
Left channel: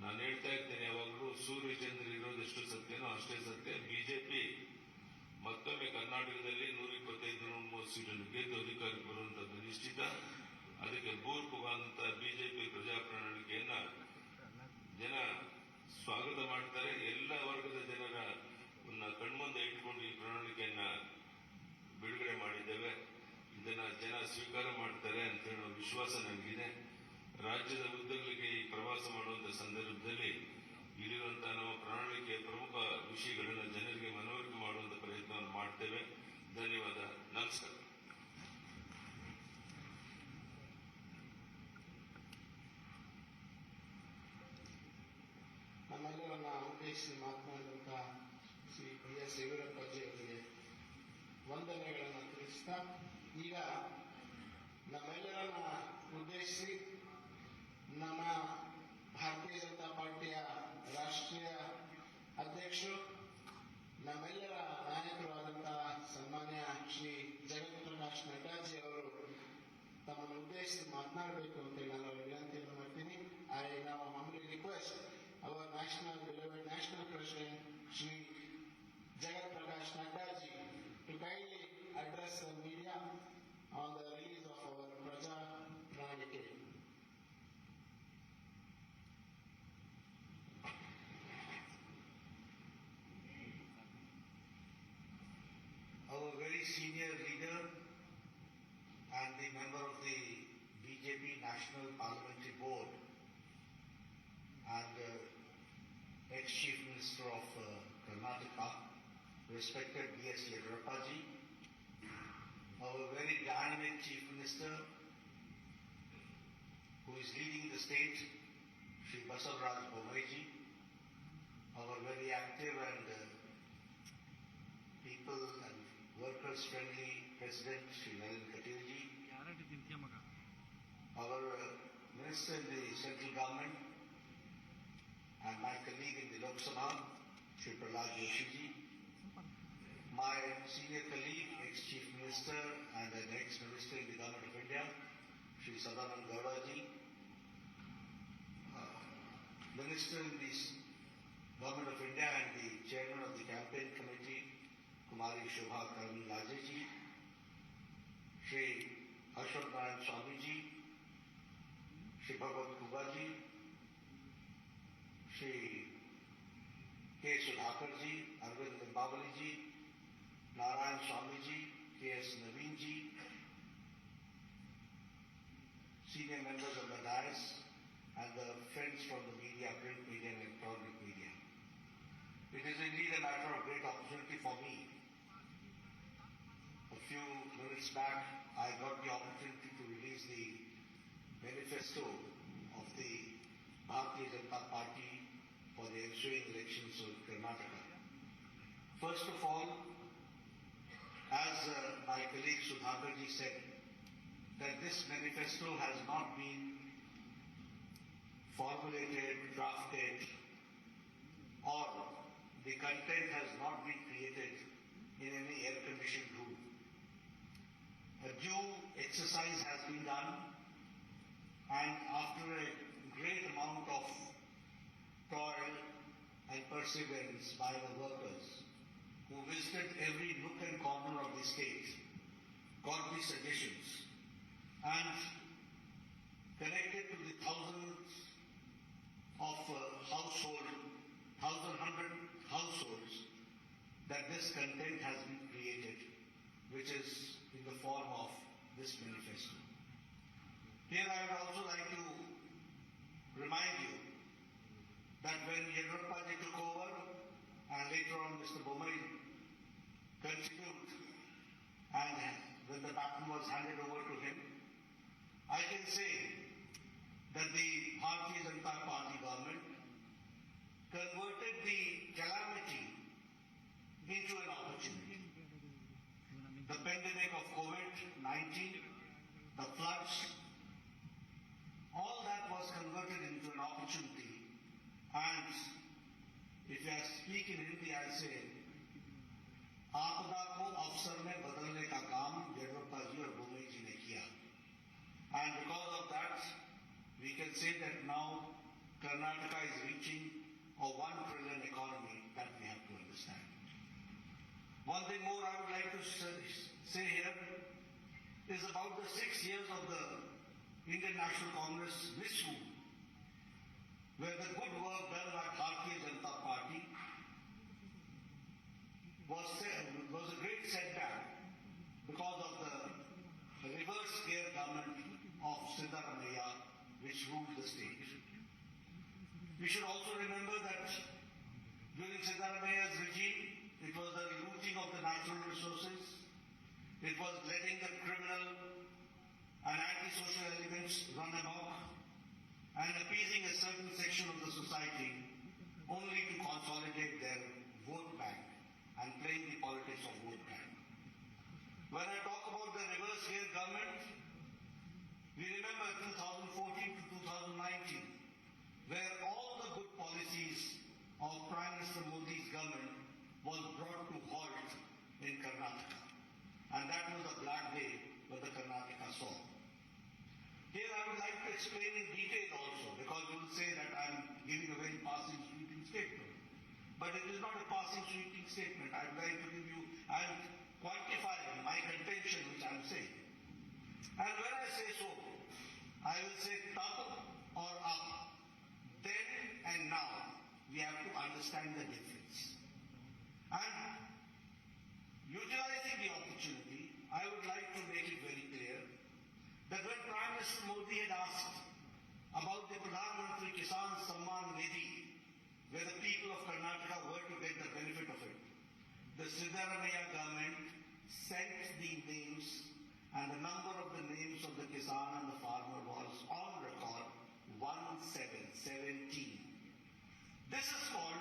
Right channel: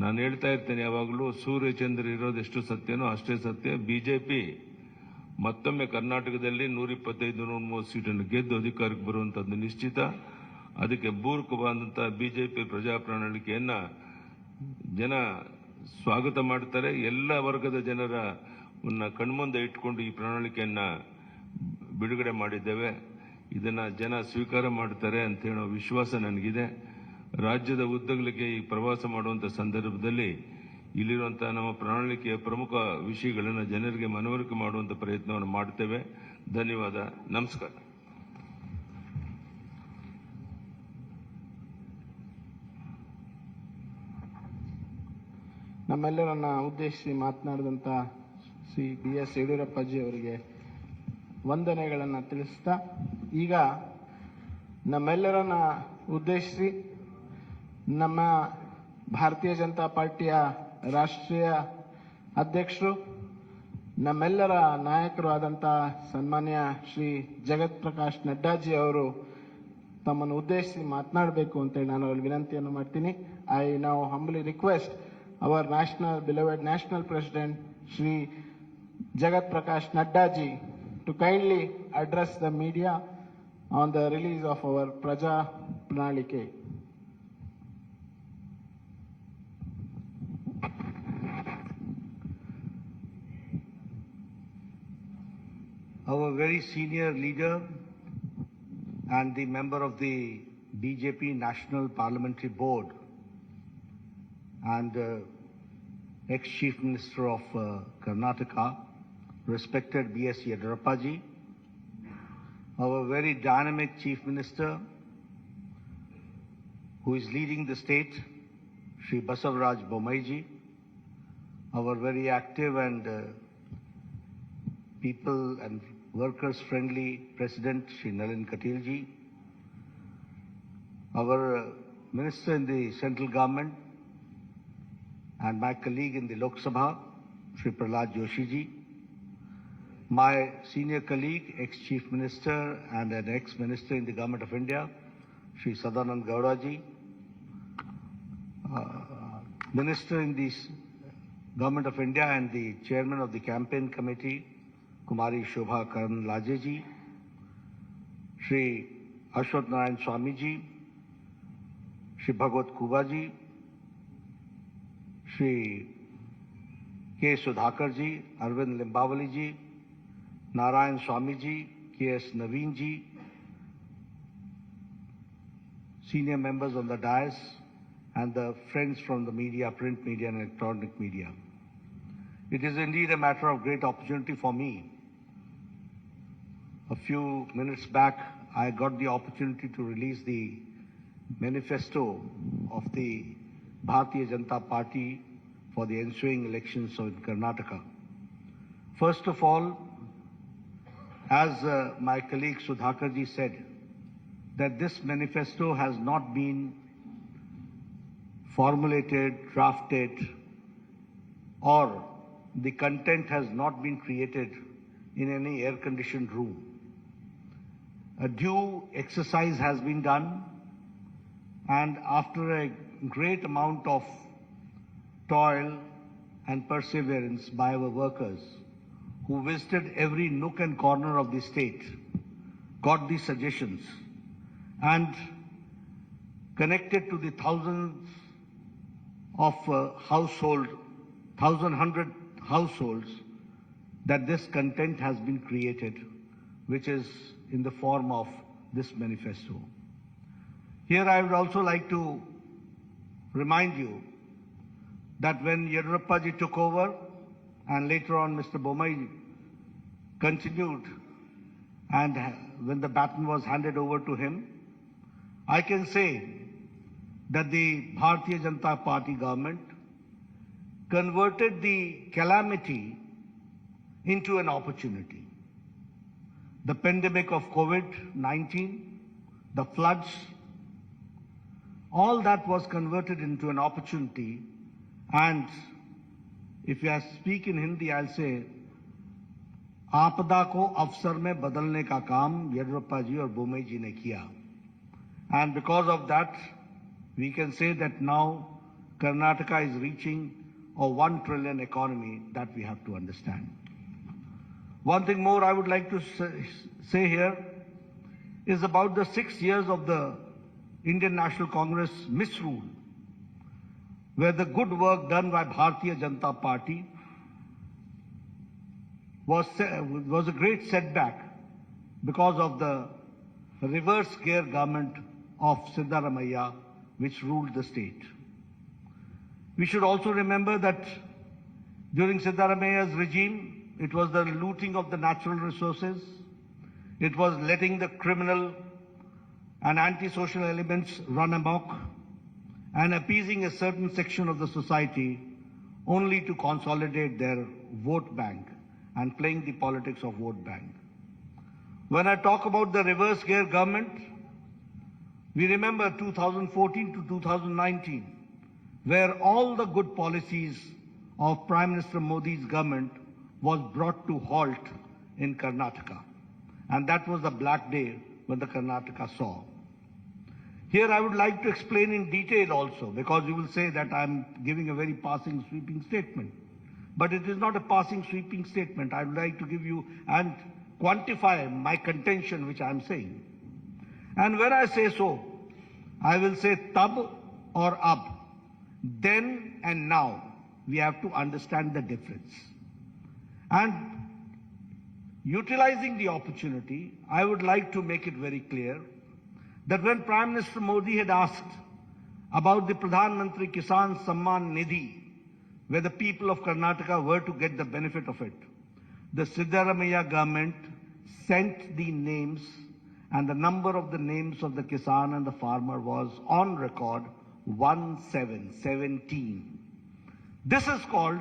ನಾನು ಹೇಳ್ತಾ ಇರ್ತೇನೆ ಯಾವಾಗಲೂ, ಸೂರ್ಯಚಂದ್ರ ಇರೋದೆಷ್ಟು ಸತ್ಯನೋ ಅಷ್ಟೇ ಸತ್ಯ. ಬಿಜೆಪಿ ಮತ್ತೊಮ್ಮೆ ಕರ್ನಾಟಕದಲ್ಲಿ 125-130 ಸೀಟನ್ನು ಗೆದ್ದು ಅಧಿಕಾರಕ್ಕೆ ಬರುವಂಥದ್ದು ನಿಶ್ಚಿತ. ಅದಕ್ಕೆ ಪೂರಕವಾದಂಥ ಬಿಜೆಪಿ ಪ್ರಜಾ ಪ್ರಣಾಳಿಕೆಯನ್ನು ಜನ ಸ್ವಾಗತ ಮಾಡ್ತಾರೆ. ಎಲ್ಲ ವರ್ಗದ ಜನರ ಕಣ್ಮುಂದೆ ಇಟ್ಕೊಂಡು ಈ ಪ್ರಣಾಳಿಕೆಯನ್ನು ಬಿಡುಗಡೆ ಮಾಡಿದ್ದೇವೆ. ಇದನ್ನು ಜನ ಸ್ವೀಕಾರ ಮಾಡ್ತಾರೆ ಅಂತ ಹೇಳೋ ವಿಶ್ವಾಸ ನನಗಿದೆ. ರಾಜ್ಯದ ಉದ್ದಗಲಿಕ್ಕೆ ಈ ಪ್ರವಾಸ ಮಾಡುವಂಥ ಸಂದರ್ಭದಲ್ಲಿ ಇಲ್ಲಿರುವಂತಹ ನಮ್ಮ ಪ್ರಣಾಳಿಕೆಯ ಪ್ರಮುಖ ವಿಷಯಗಳನ್ನು ಜನರಿಗೆ ಮನವರಿಕೆ ಮಾಡುವಂಥ ಪ್ರಯತ್ನವನ್ನು ಮಾಡ್ತೇವೆ. ಧನ್ಯವಾದ. ನಮಸ್ಕಾರ. ನಮ್ಮೆಲ್ಲರನ್ನ ಉದ್ದೇಶಿಸಿ ಮಾತನಾಡಿದಂಥ ಶ್ರೀ BS ಯಡಿಯೂರಪ್ಪಾಜಿ ಅವರಿಗೆ ವಂದನೆಗಳನ್ನು ತಿಳಿಸ್ತಾ ಈಗ ನಮ್ಮೆಲ್ಲರನ್ನ ಉದ್ದೇಶಿಸಿ ನಮ್ಮ ಭಾರತೀಯ ಜನತಾ ಪಾರ್ಟಿಯ ರಾಷ್ಟ್ರೀಯ ಅಧ್ಯಕ್ಷರು ನಮ್ಮೆಲ್ಲರ ನಾಯಕರು ಆದಂಥ ಸನ್ಮಾನ್ಯ ಶ್ರೀ ಜಗತ್ ಪ್ರಕಾಶ್ ನಡ್ಡಾಜಿ ಅವರು ತಮ್ಮನ್ನು ಉದ್ದೇಶಿಸಿ ಮಾತನಾಡಬೇಕು ಅಂತೇಳಿ ನಾನು ಅವರಿಗೆ ವಿನಂತಿಯನ್ನು ಮಾಡ್ತೀನಿ. I now ಹಂಬಲಿ request our beloved national president Shri Jagat Prakash Nadda ji to kindly address the media on the release of our Praja Pranalike. Our very senior leader and the member of the BJP National Parliamentary Board and ex-Chief Minister of Karnataka, respected B.S. Yediyurappa, our very dynamic Chief Minister who is leading the state, Shri Basavaraj Bomaiji, our very active and people and workers friendly President Shri Nalin Katilji, our Minister in the central government and my colleague in the Lok Sabha, Shri Prahlad Joshi ji, my senior colleague, ex-Chief Minister and an ex-Minister in the Government of India, Shri Sadanand Gowda ji, Minister in the Government of India and the Chairman of the Campaign Committee, Kumari Shobha Karnlaje ji, Shri Ashwat Narayan Swami ji, Shri Bhagwat Kuba ji, Shri K. Sudhakar ji, Arvind Limbawali ji, Narayan Swami ji, K.S. Naveen ji, senior members on the dais, and the friends from the media, print media and electronic media. It is indeed a matter of great opportunity for me. A few minutes back, I got the opportunity to release the manifesto of the Bharatiya Janata Party for the ensuing elections in Karnataka. First of all, as my colleague Sudhakar ji said, that this manifesto has not been formulated, drafted, or the content has not been created in any air-conditioned room. A due exercise has been done, and after a great amount of toil and perseverance by our workers who visited every nook and corner of the state, got the suggestions and connected to the thousands of hundred households that this content has been created, which is in the form of this manifesto. Here I would also like to remind you that when Yediyurappa ji took over and later on Mr. Bomai continued, and when the baton was handed over to him, I can say that the Bharatiya Janata Party government converted the calamity into an opportunity. The pandemic of COVID-19, the floods, all that was converted into an opportunity. And if I speak in Hindi, I'll say, आपदा को अवसर में बदलने का काम येडियुरप्पा जी और बोमई जी ने किया. And because of that, we can say that now Karnataka is reaching a 1 trillion economy that we have to understand. One thing more I would like to say here is about the 6 years of the Indian National Congress misrule, where the good work done by Bharatiya Janata Party was a great setback because of the reverse gear government of Siddaramaiah, which ruled the state. We should also remember that during Siddaramaiah's regime, it was the looting of the natural resources, it was letting the criminal and antisocial elements run amok, and appeasing a certain section of the society only to consolidate their vote bank and playing the politics of vote bank. When I talk about the reverse gear government, we remember 2014 to 2019, where all the good policies of Prime Minister Modi's government was brought to halt in Karnataka. And that was the black day when the Karnataka saw. Here I would like to explain in detail also, because you will say that I'm giving a very passing sweeping statement. But it is not a passing sweeping statement. I would like to give you and quantify my contention which I am saying. And when I say so, I will say tab or ab. Then and now, we have to understand the difference. And utilizing the opportunity, I would like to make it very clear that when Prime Minister Modi had asked about the Pradhan Mantri Kisan Samman Nidhi, where the people of Karnataka were to get the benefit of it, the Siddaramaiah government sent the names, and the number of the names of the Kisan and the farmer was on record 1717. This is called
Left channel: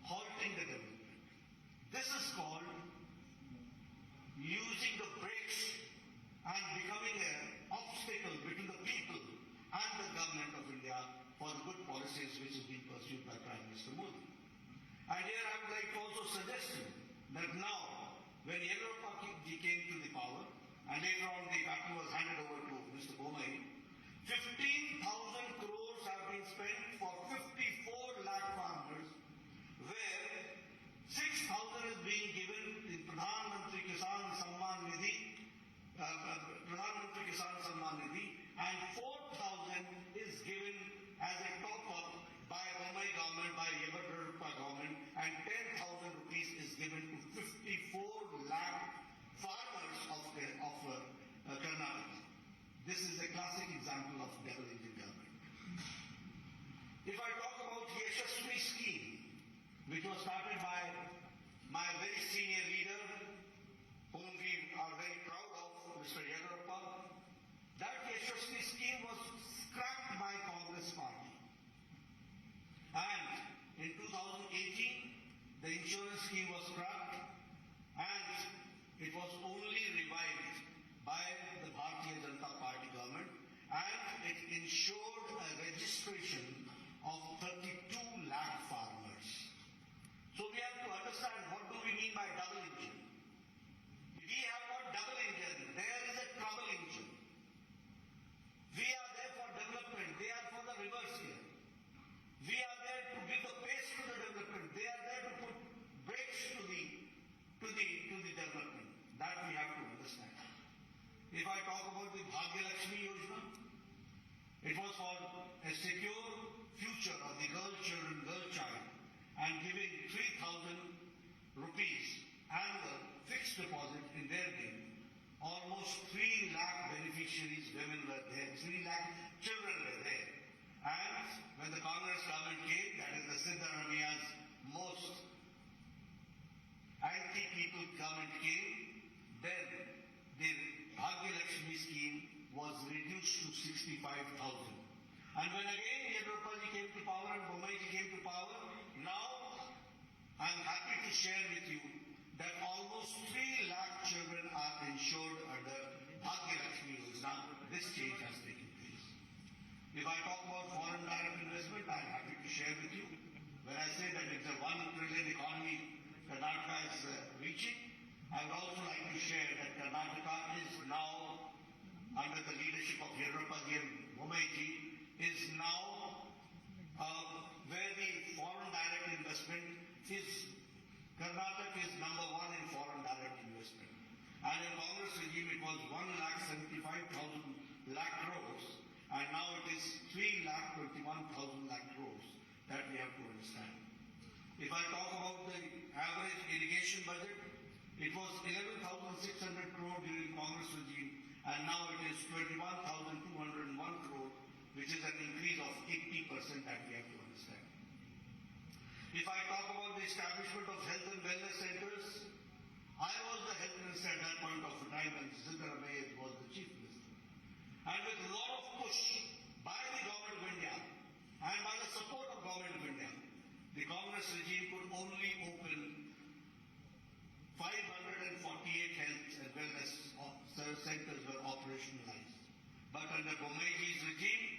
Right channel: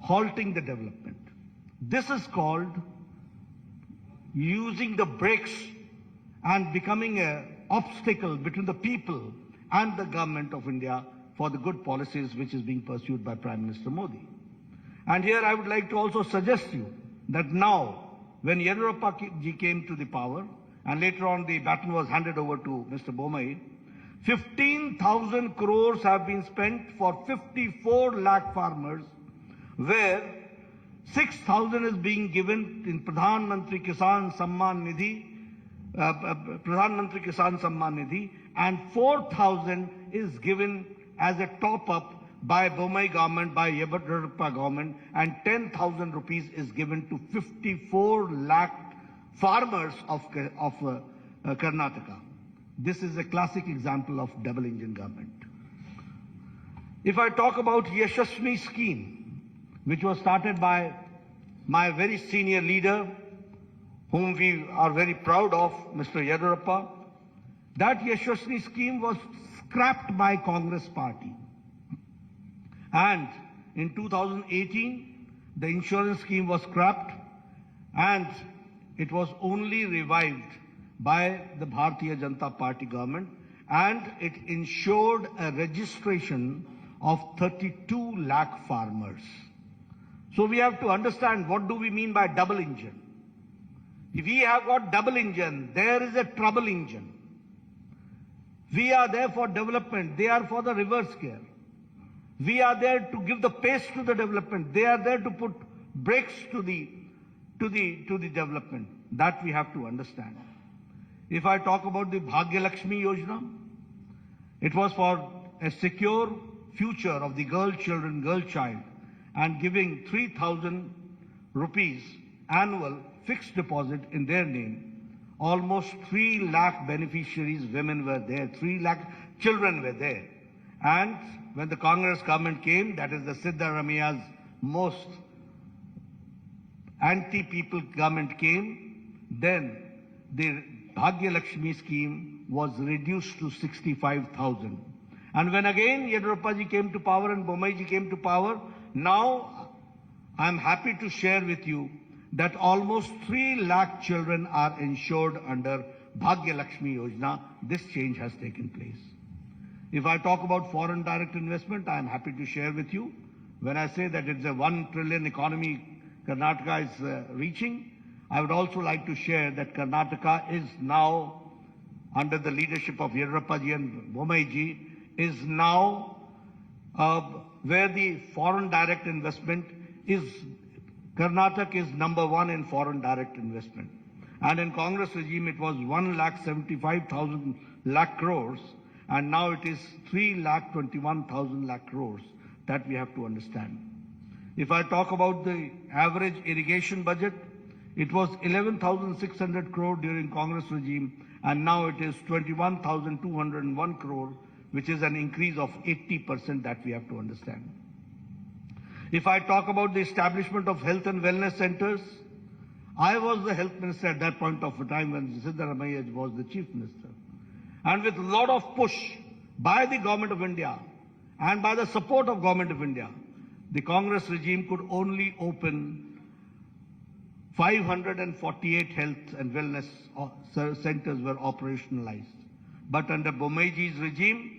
halting the development. This is called using the brakes and becoming an obstacle between the people and the government of India for the good policies which is being pursued by Prime Minister Modi. And here I would like to also suggest you that now, when Yediyurappa ji came to the power, and later on the baton was handed over to Mr. Bommai, 15,000 crores have been spent for 54 lakh farmers, where 6,000 is being given in Pradhan Mantri Kisan Samman Nidhi, and 4,000 is given as a top-up by Bommai government, by Yediyurappa government, and 10,000 rupees is given to 54 lakh farmers of Karnataka. This is a classic example of double engine government. If I talk about Yashasvi scheme, which was started by my very senior leader, whom we are very proud of, Mr. Yediyurappa, that Yashasvi scheme was scrapped by Congress party. And in 2018, the insurance scheme was scrapped, and it was only revived by the Bharatiya Janata Party government, and it ensured a registration of 32 lakh farmers. So we have to understand, what do we mean by double engine? If we have got double engine, there is a trouble engine. We are there for development, they are for the reverse gear. We are there to give the pace to the development, they are there to put brakes to the development. That we have to understand. If I talk about the Bhagya Lakshmi Yojana, it was for a secure future of the girl child, and giving 3,000 rupees annual fixed deposit in their name. Almost 3 lakh beneficiaries, women were there, 3 lakh children were there. And when the Congress government came, that is the Siddaramaiah's most anti-people government came, then the Bhagya Lakshmi scheme was reduced to 65,000. And when again Yediyurappa ji came to power and Bommai ji came to power, now I am happy to share with you that almost 3 lakh children are insured under Bhagya Lakshmi Yojana. This change has taken place. If I talk about foreign direct investment, I am happy to share with you, when I say that it's a 1 trillion economy Karnataka is reaching, I would also like to share that Karnataka is now, under the leadership of Yediyurappa ji and Bommai ji, is now where the foreign direct investment is, Karnataka is number 1 in foreign direct investment. And in Congress regime, it was 1,75,000 lakh crores, and now it is 3,21,000 lakh crores. That we have to understand. If I talk about the average irrigation budget, it was 11,600 crore during Congress regime, and now it is 21,201 crore, which is an increase of 80%. That we have to understand. If I talk about the establishment of health and wellness centers, I was the health minister at that point of time when Siddaramaiah was the chief minister. And with a lot of push by the government of India and by the support of government of India, the Congress regime could only open 548 health and wellness centers were operationalized. But under Bomeji's regime,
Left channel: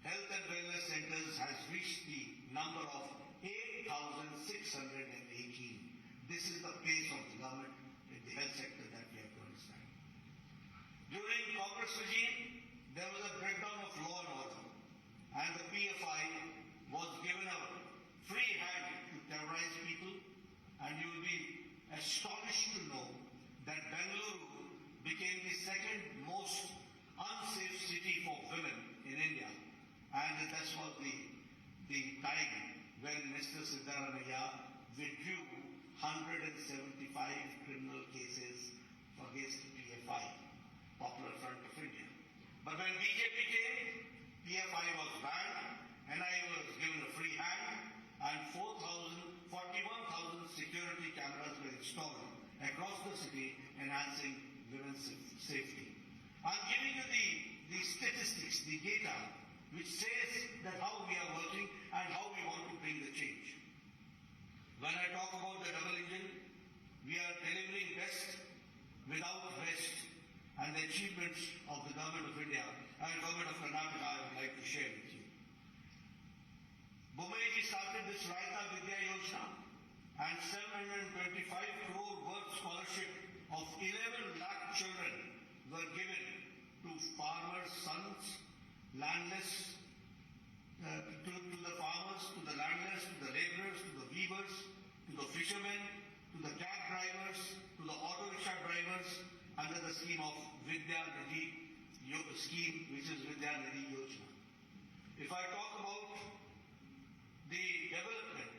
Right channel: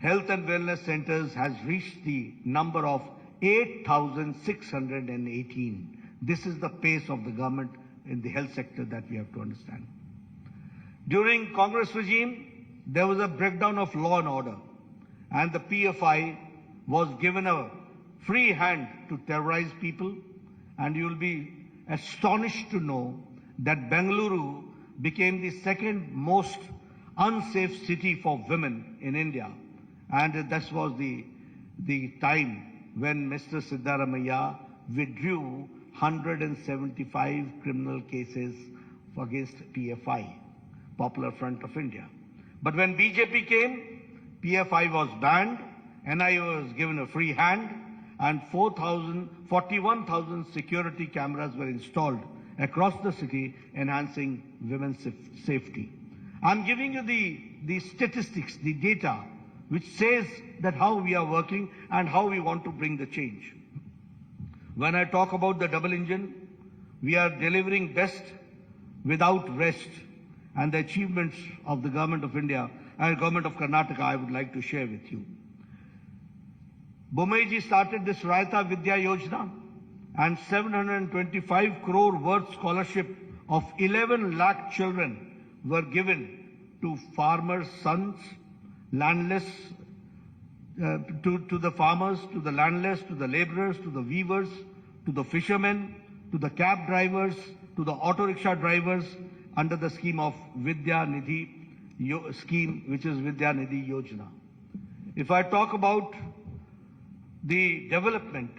health and wellness centers has reached the number of 8,618. This is the pace of the government in the health sector that we have to understand. During Congress regime, there was a breakdown of law and order, and the PFI was given a free hand to terrorize people, and you will be astonished to know that Bengaluru became the second most unsafe city for women in India. And that was the time when Mr. Siddaramaiah withdrew 175 criminal cases against PFI, Popular Front of India. But when BJP came, PFI was banned, NIA was given a free hand, and 41,000 security cameras were installed across the city, enhancing women's safety. I'm giving you the statistics, the data, which says that how we are working and how we want to bring the change. When I talk about the double engine, we are delivering best without rest, and the achievements of the Government of India and Government of Karnataka I would like to share with you. Bomeji started this Raita Vidya Yojana, and 725 crore worth scholarship of 11 lakh children were given to farmers' sons, landless, to the farmers, to the landless, to the laborers, to the weavers, to the fishermen, to the cab drivers, to the auto rickshaw drivers under the scheme of Vidya Nidhi scheme, which is Vidya Nidhi Yojana. If I talk about the development,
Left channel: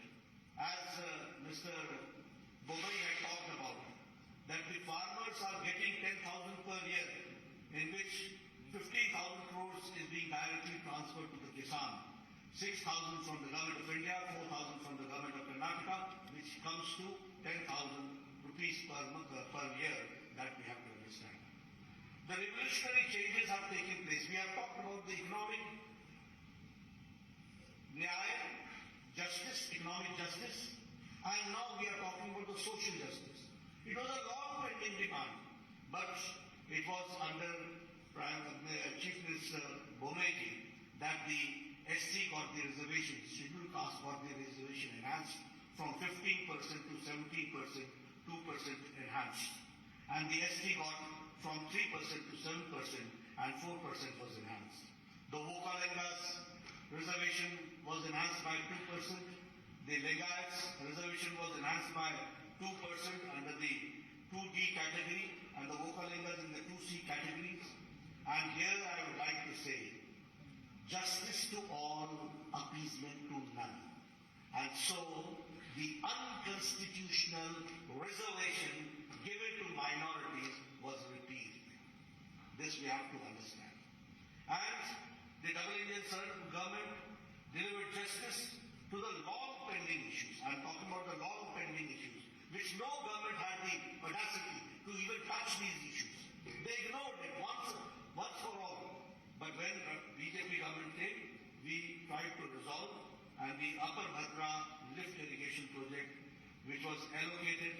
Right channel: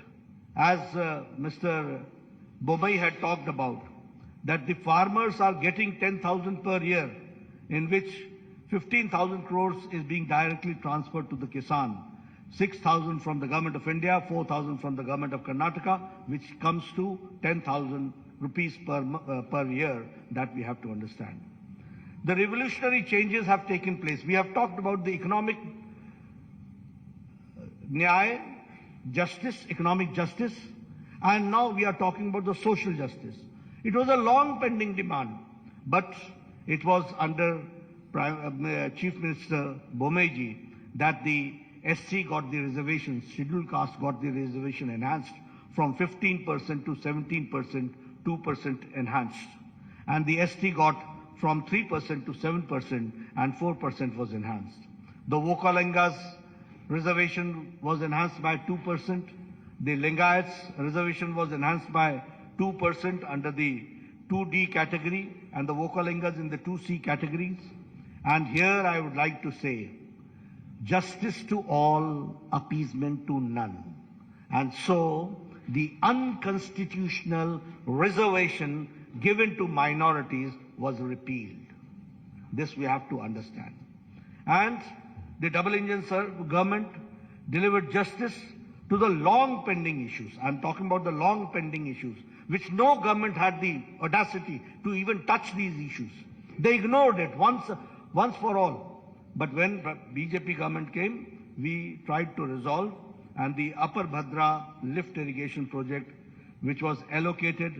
as Mr. Bombay had talked about, that the farmers are getting 10,000 per year, in which 15,000 crores is being directly transferred to the Kisan, 6,000 from the Government of India, 4,000 from the Government of Karnataka, which comes to 10,000 rupees per year, that we have to understand. The revolutionary changes have taken place. We have talked about the economic nyaya, justice, economic justice, and now we are talking about the social justice. It was a long pending demand, but it was under Chief Minister Bomeji that the SC got the reservation, scheduled caste got the reservation enhanced from 15% to 17%, 2% enhanced. And the ST got from 3% to 7% and 4% was enhanced. The Vokalingas reservation was enhanced by 2%. The Lingayats reservation was enhanced by 2% under the 2D category, and the Vokalingas in the 2C categories. And here I would like to say, justice to all, appeasement to none. And so the unconstitutional reservation given to minorities was repealed. This we have to understand. And the double engine government delivered justice to the long pending issues. I'm talking about the long pending issues, which no government had the audacity to even touch these issues. They ignored it once for all. But when BJP government came, we tried to resolve, and the Upper Bhadra lift irrigation project, which was allocated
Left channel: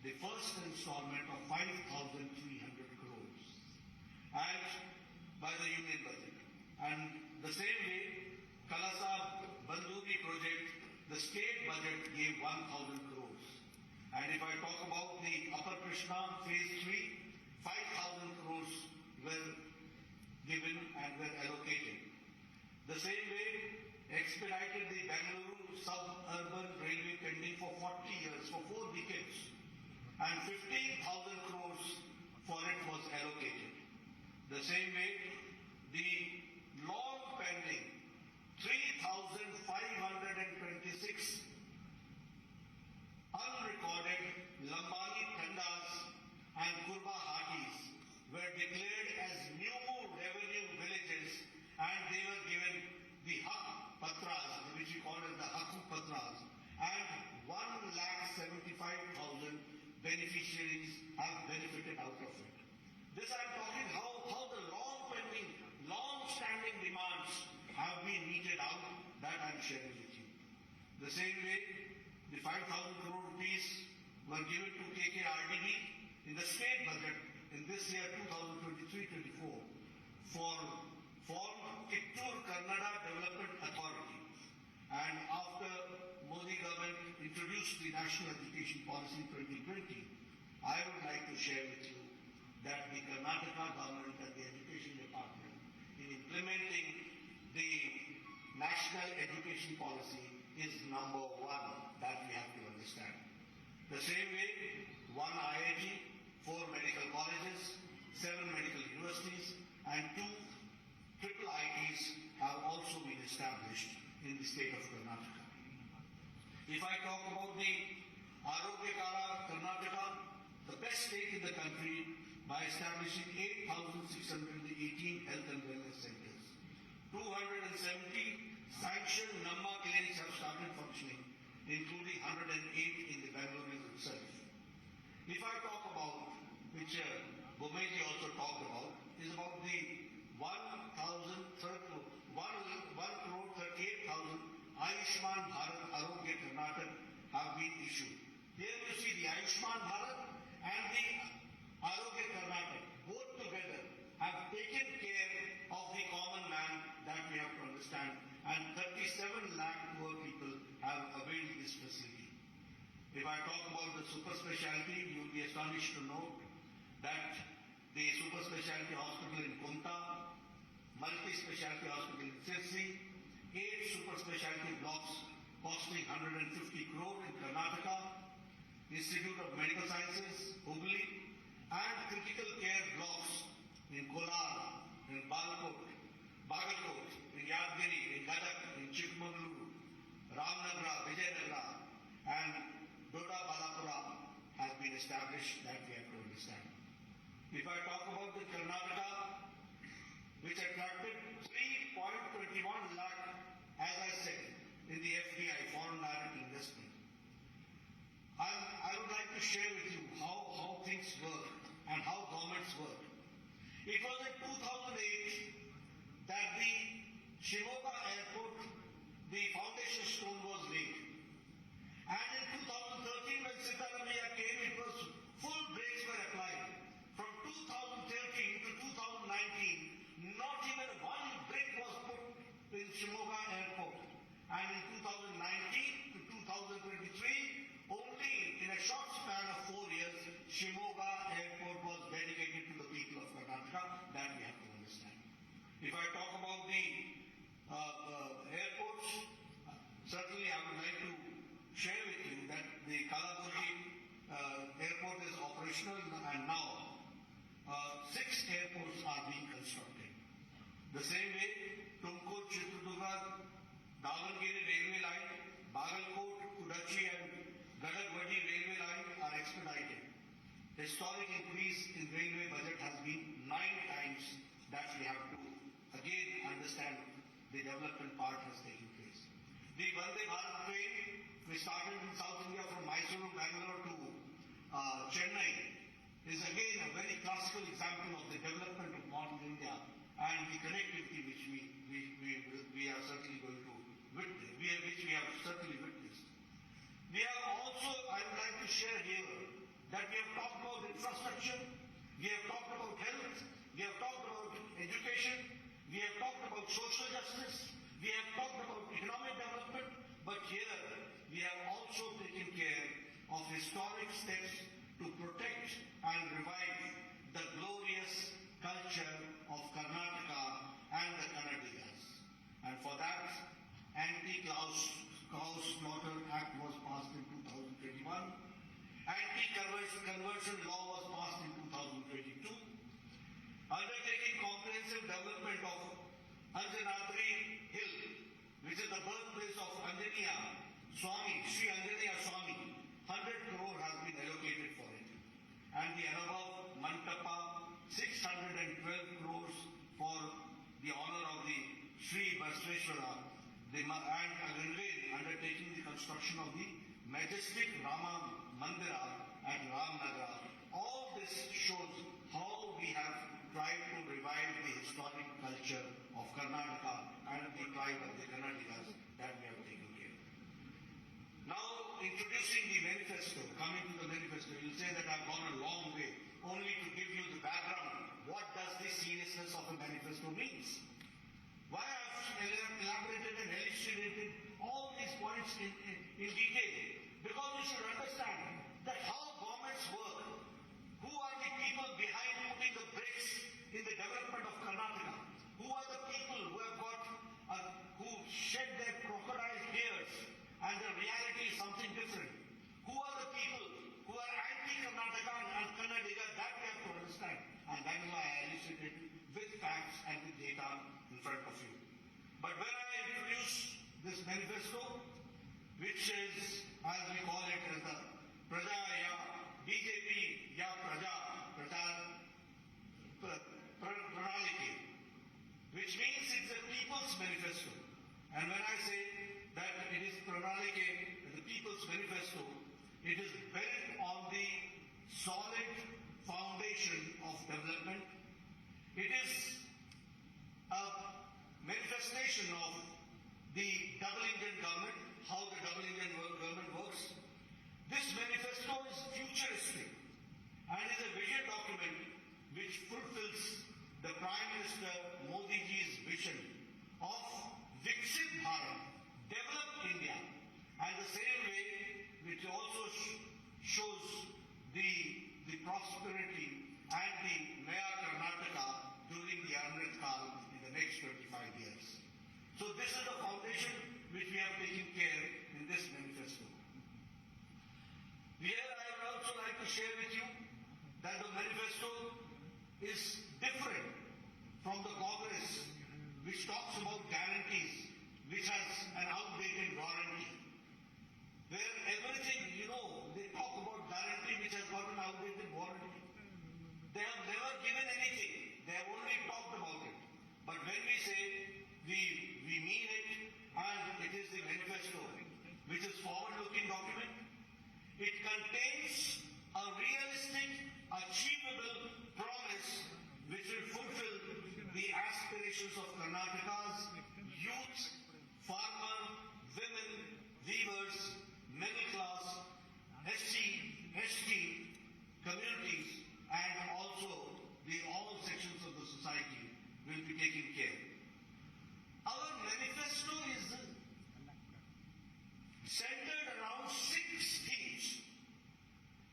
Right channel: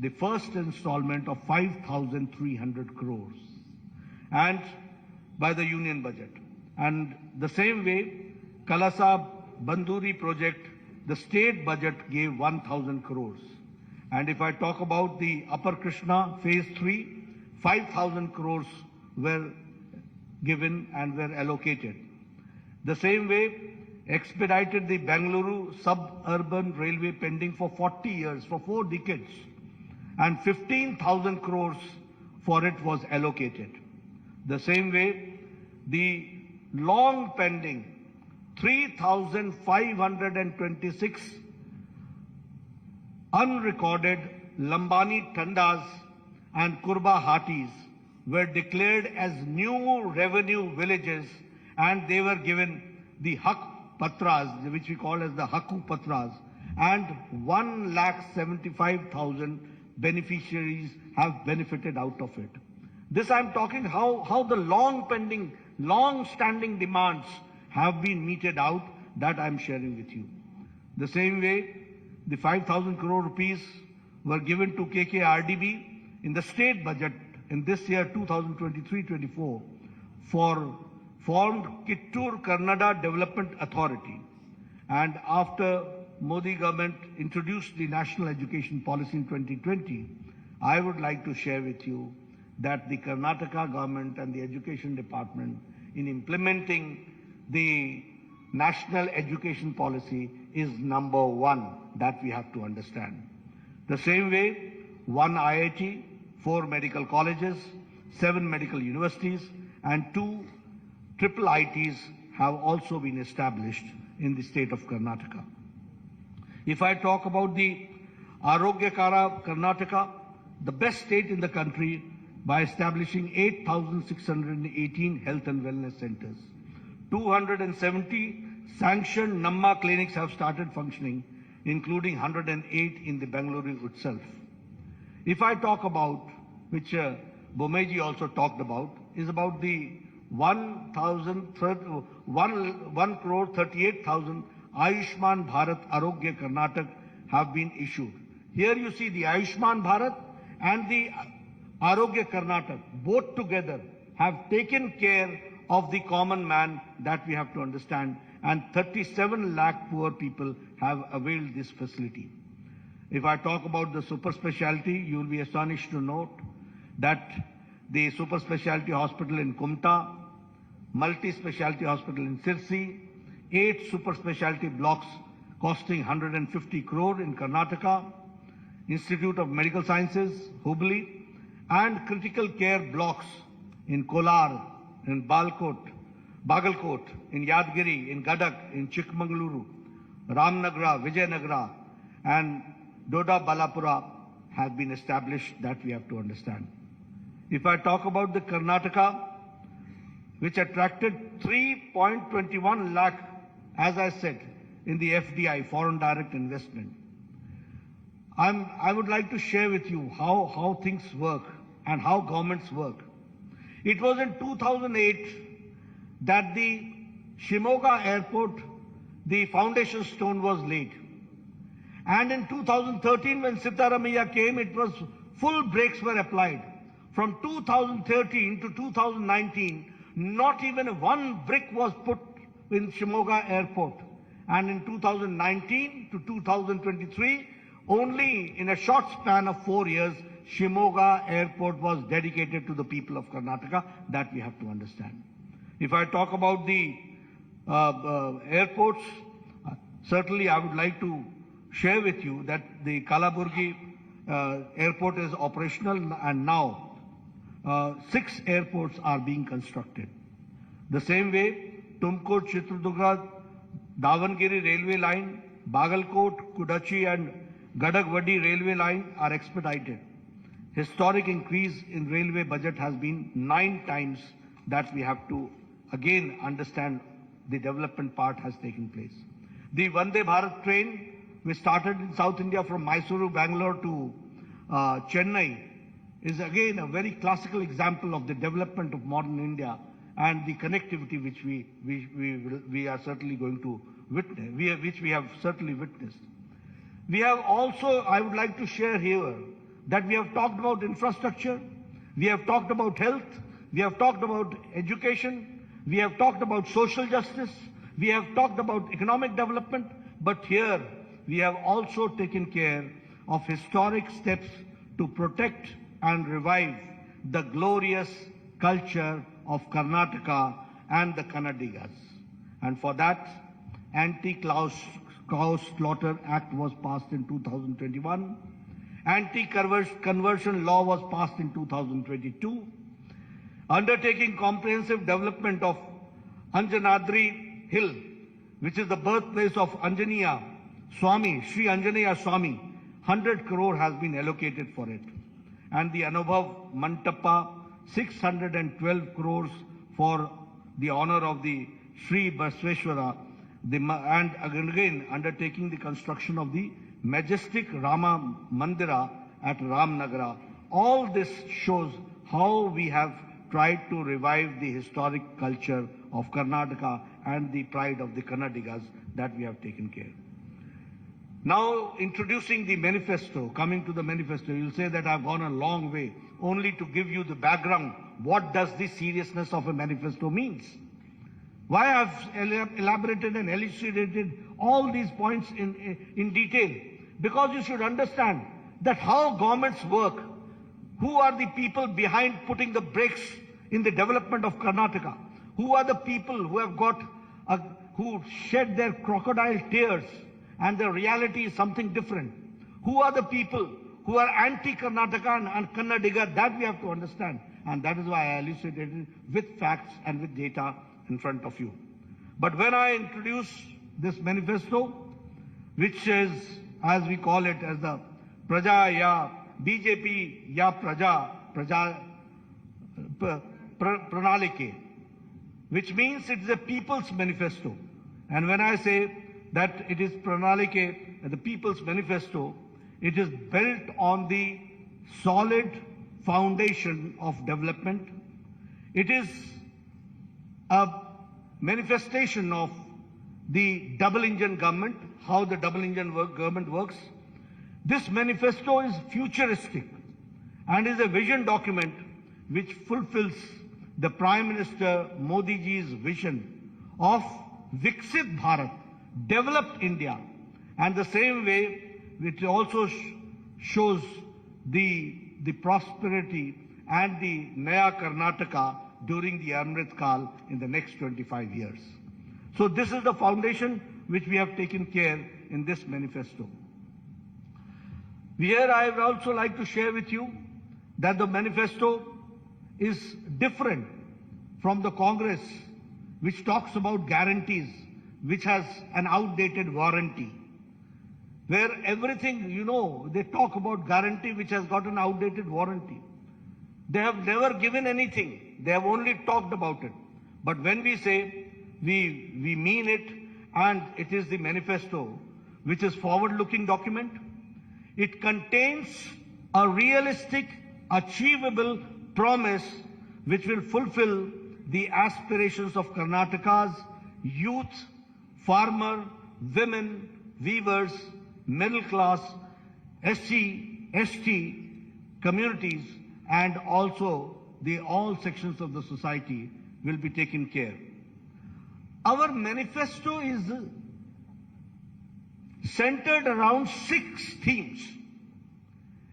the first installment of 5,300 crores and by the union budget. And the same way, Kalasa Banduri project, the state budget gave 1,000 crores. And if I talk about the Upper Krishna phase 3, 5,000 crores were given and were allocated. The same way, expedited the Bengaluru suburban railway pending for 40 years, for 4 decades, and 15,000 crores for it was allocated. The same way, the long pending 3,526 unrecorded Lambani Tandas and Kurba Hatis were declared as new revenue villages, and they were given the Hak Patras, which we call as the Haku Patras, and 1,75,000 beneficiaries have benefited out of it. This I'm talking how the long pending, long standing demands have been meted out, that I'm sharing with you. The same way, the 5,000 crore rupees were given to KKRDB in the state budget in this year 2023-24 for formed Kittur Karnataka Development Authority. And after Modi government introduced the National Education Policy in 2020, I would like to share with you that the Karnataka government and the Education Department in implementing the National Education Policy is number one. That we have to understand. The same way, 1 IIT, 4 medical colleges, 7 medical universities, and 2 triple ITs have also been established in the state of Karnataka. If I talk about the Arogyakara Karnataka, the best state in the country by establishing 8,618 health and wellness centers. 270 sanctioned Namma clinics have started functioning, including 108 in the Bengaluru itself. If I talk about, which Bomeji also talked about, is about the 1 crore 38,000 Ayushman Bharat Arogya Karnataka have been issued. Here you see the Ayushman Bharat and the Arogya Karnataka both together have taken care of the common man, that we have to understand, and 37 lakh poor people have availed this facility. If I talk about the super specialty, you will be astonished to note that the super specialty hospital in Kumta, multi-specialty hospital in Sirsi, 8 super specialty blocks costing 150 crore in Karnataka, Institute of Medical Sciences, Hubli, and critical care blocks in Kolar, in Bagalkot, in Yadgiri, in Gadak, in Chikmagaluru, Ramnagara, Vijayanagara, and Doda Balapura has been established, that we have to understand. If I talk about the Karnataka, which attracted 3.21 lakh, as I said, in the FDI, foreign direct investment. I would like to share with you how things work and how governments work. It was in 2008 that the Shimoga airport, the foundation stone was laid. And in 2013, when Sitaramaiah came, it was full brakes were applied. From 2013 to 2019, not even one brick was put in Shimoga airport. And in 2019 to 2023, only in a short span of 4 years, Shimoga airport was dedicated to the people of Karnataka. That we have to understand. If I talk about the airports, certainly I would like to share with you that the Kalaburgi airport is operational, and now 6 airports are being constructed. The same way, Tumkur, Chitradurga, Davangere railway line, Bagalkot, Kudachi and Gadagwadi railway line are expedited. Historic increase in railway budget has been 9 times. That we have to again understand the development part has taken place. The Vande Bharat train, which started in South India from Mysuru, Bangalore to Chennai, is again a very classical example of the development of modern India and the connectivity which we are certainly going to witness, which we have certainly witnessed. We have also, I would like to share here, that we have talked about infrastructure, we have talked about health, we have talked about education, we have talked about social justice, we have talked about economic development, but here we have also taken care of historic steps to protect and revive the glorious culture of Karnataka and the Kannadigas. And for that, Anti-Cow Slaughter Act was passed in 2021. Anti-conversion law was passed in 2022. Undertaking comprehensive development of Anjanadri Hill, which is the birthplace of Anjaneya Swami, Shri Anjaneya Swami, 100 crore has been allocated for it. And the Anubhav Mantapa, 612 crores for the honor of the Shri Basveshwara, and again undertaking the construction of the majestic Rama Mandira at Ramnagara. All this shows how we have tried to revive the historic culture of Karnataka and the pride of the Kannadigas, that we have taken care. Now, introducing the manifesto, coming to the manifesto, you'll say that I've gone a long way only to give you the background. What does the seriousness of a manifesto means? Why I've elaborated and elucidated all these points in detail? Because you should understand that how governments work, who are the people behind putting the brakes in the development of Karnataka, who are the people who have who shed their crocodile tears and the reality is something different. Who are the people who are anti-Karnataka and Kannadiga, that we have to understand. And that is why I elucidated with facts and with data in front of you. But when I introduce this manifesto, which is, as we call it, as the Praja Ya BJP Ya Praja Pranalike, which means it is a people's manifesto. And when I say that it is Pranalike, the people's manifesto, it is built on the solid foundation of development. It is a manifestation of the double engine government, how the double engine government works. This manifesto is futuristic and is a vision document which fulfills the Prime Minister Modi ji's vision of Viksit Bharat, developed India, and the same way which also shows the prosperity and the Naya Karnataka during the Amrit Kal in the next 25 years. So this is the foundation which we have taken care in this manifesto. Here I would also like to share with you that the manifesto is different from the Congress, which talks about guarantees, which has an outdated warranty. Where everything, they talk about guarantee which has got an outdated warranty. They have never given anything. They have only talked about it. But when we say we mean it, and it is the manifesto, which is forward-looking document, it contains a realistic, achievable promise which will fulfill the aspirations of Karnataka's youth, farmer, women, weavers, middle class, SC, ST communities, and also all sections of the society will be taken care. Our manifesto is centered around 6 themes.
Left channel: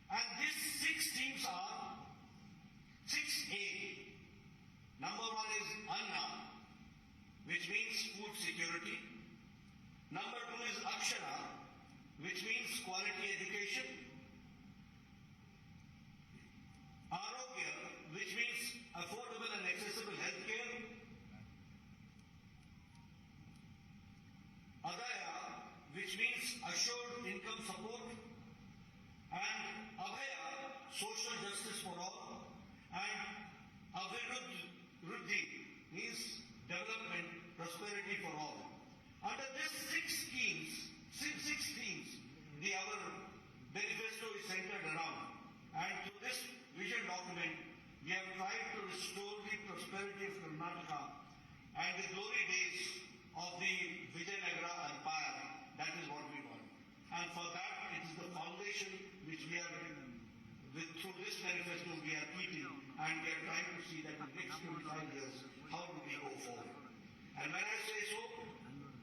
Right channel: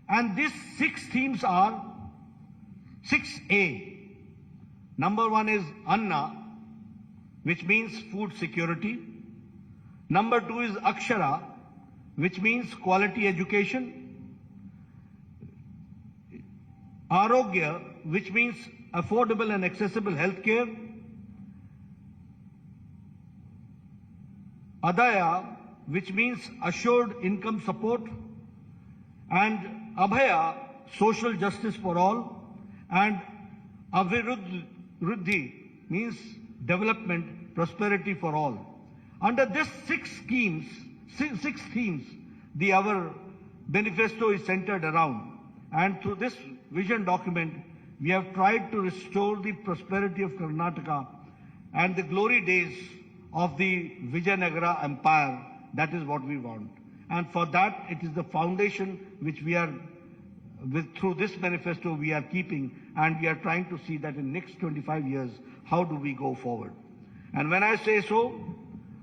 And these 6 themes are 6A. Number 1 is Anna, which means food security. Number 2 is Akshara, which means quality education. Arogya, which means affordable and accessible health care. Adaya, which means assured income support. And Abhaya, social justice for all. And Aviruddhi means development, prosperity for all. Under this 6 themes, our manifesto is centered around. And through this vision document, we have tried to restore the prosperity of Karnataka and the glory days of the Vijayanagara Empire. That is what we want. And for that, it is the foundation which we are, through this manifesto, we are keeping, and we are trying to see that in the next 25 years, how do we go forward. And when I say so,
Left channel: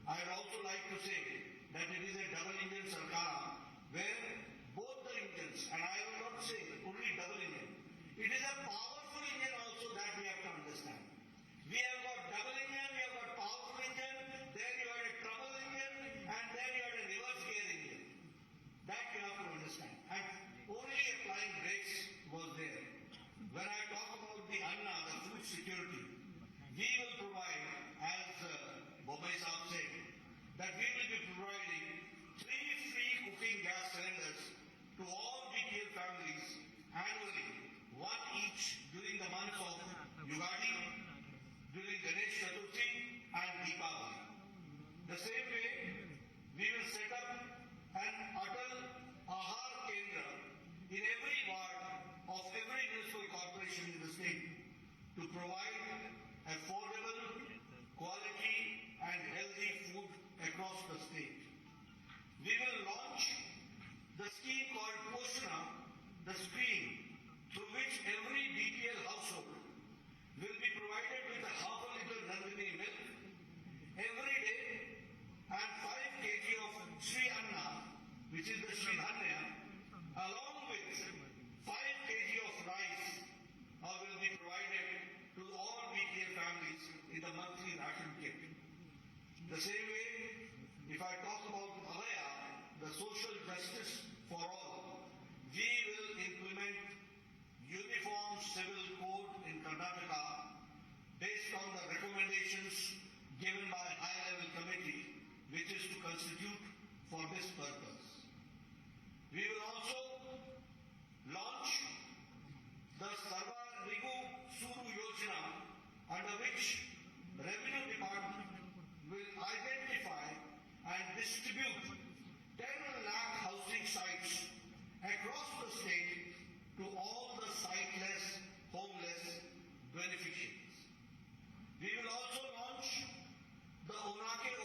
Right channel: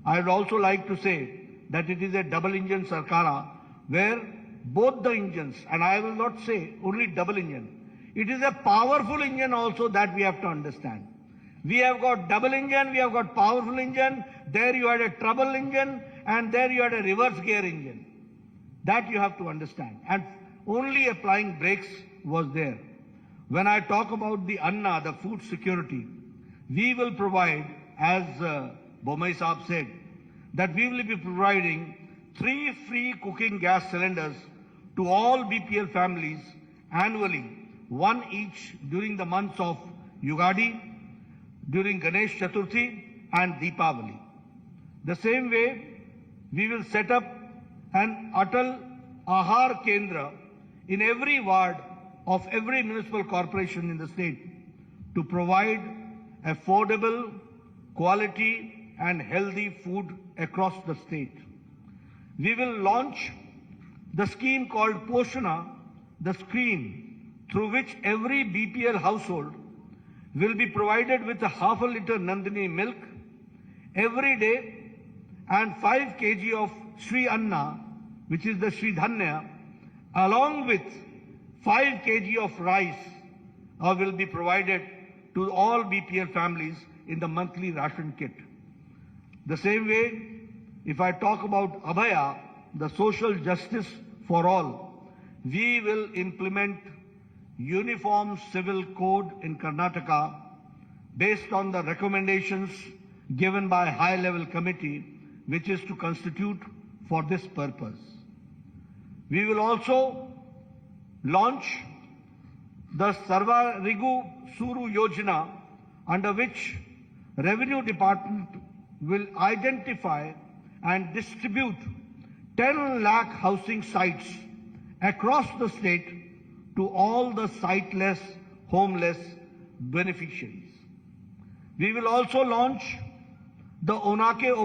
I would also like to say that it is a double engine Sarkara, where both the engines, and I will not say only double engine, it is a powerful engine also that we have to understand. We have got double engine, we have got powerful engine, there you had a trouble engine, and there you had a reverse gear engine. That you have to understand. And only applying brakes was there. When I talk about the Anna, the food security, we will provide, as Bomai Saab said, that we will be providing 3 free cooking gas cylinders to all BPL families annually, 1 each during the months of Yugadi, during Ganesh Chaturthi and Deepavali. The same way, we will set up an Atal Ahar Kendra in every ward of every municipal corporation in the state to provide affordable, quality and healthy food across the state. We will launch the scheme called Poshana, the scheme through which every BPL household will be provided with a half a liter Nandini milk every day and 5 kg of Shri Anna, which is the Shri Dhanya, along with 5 kg of rice will be provided to all BPL families in the monthly ration kit. The same way, if I talk about Abhaya, the social justice for all, we will implement uniform civil code in Karnataka based on the recommendations given by a high-level committee which is to constitute for this purpose. We will also launch the Sarvarigu Suru Yojana, under which Revenue Department will identify and distribute 10 lakh housing sites across the state to all the siteless, homeless beneficiaries. We will also launch the Onake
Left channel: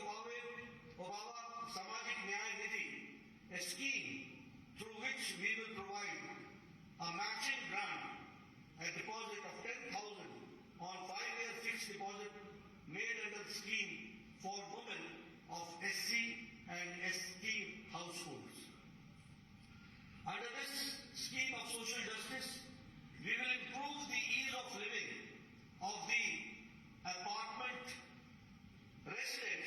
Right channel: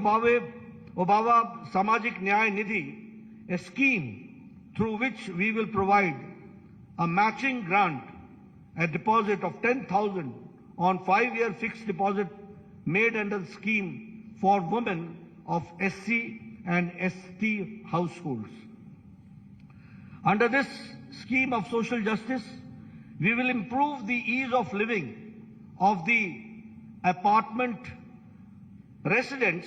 Obava Samajik Nyaya Nidhi, a scheme through which we will provide a matching grant, a deposit of 10,000 on 5-year fixed deposit made under the scheme for women of SC and ST households. Under this scheme of social justice, we will improve the ease of living of the apartment residents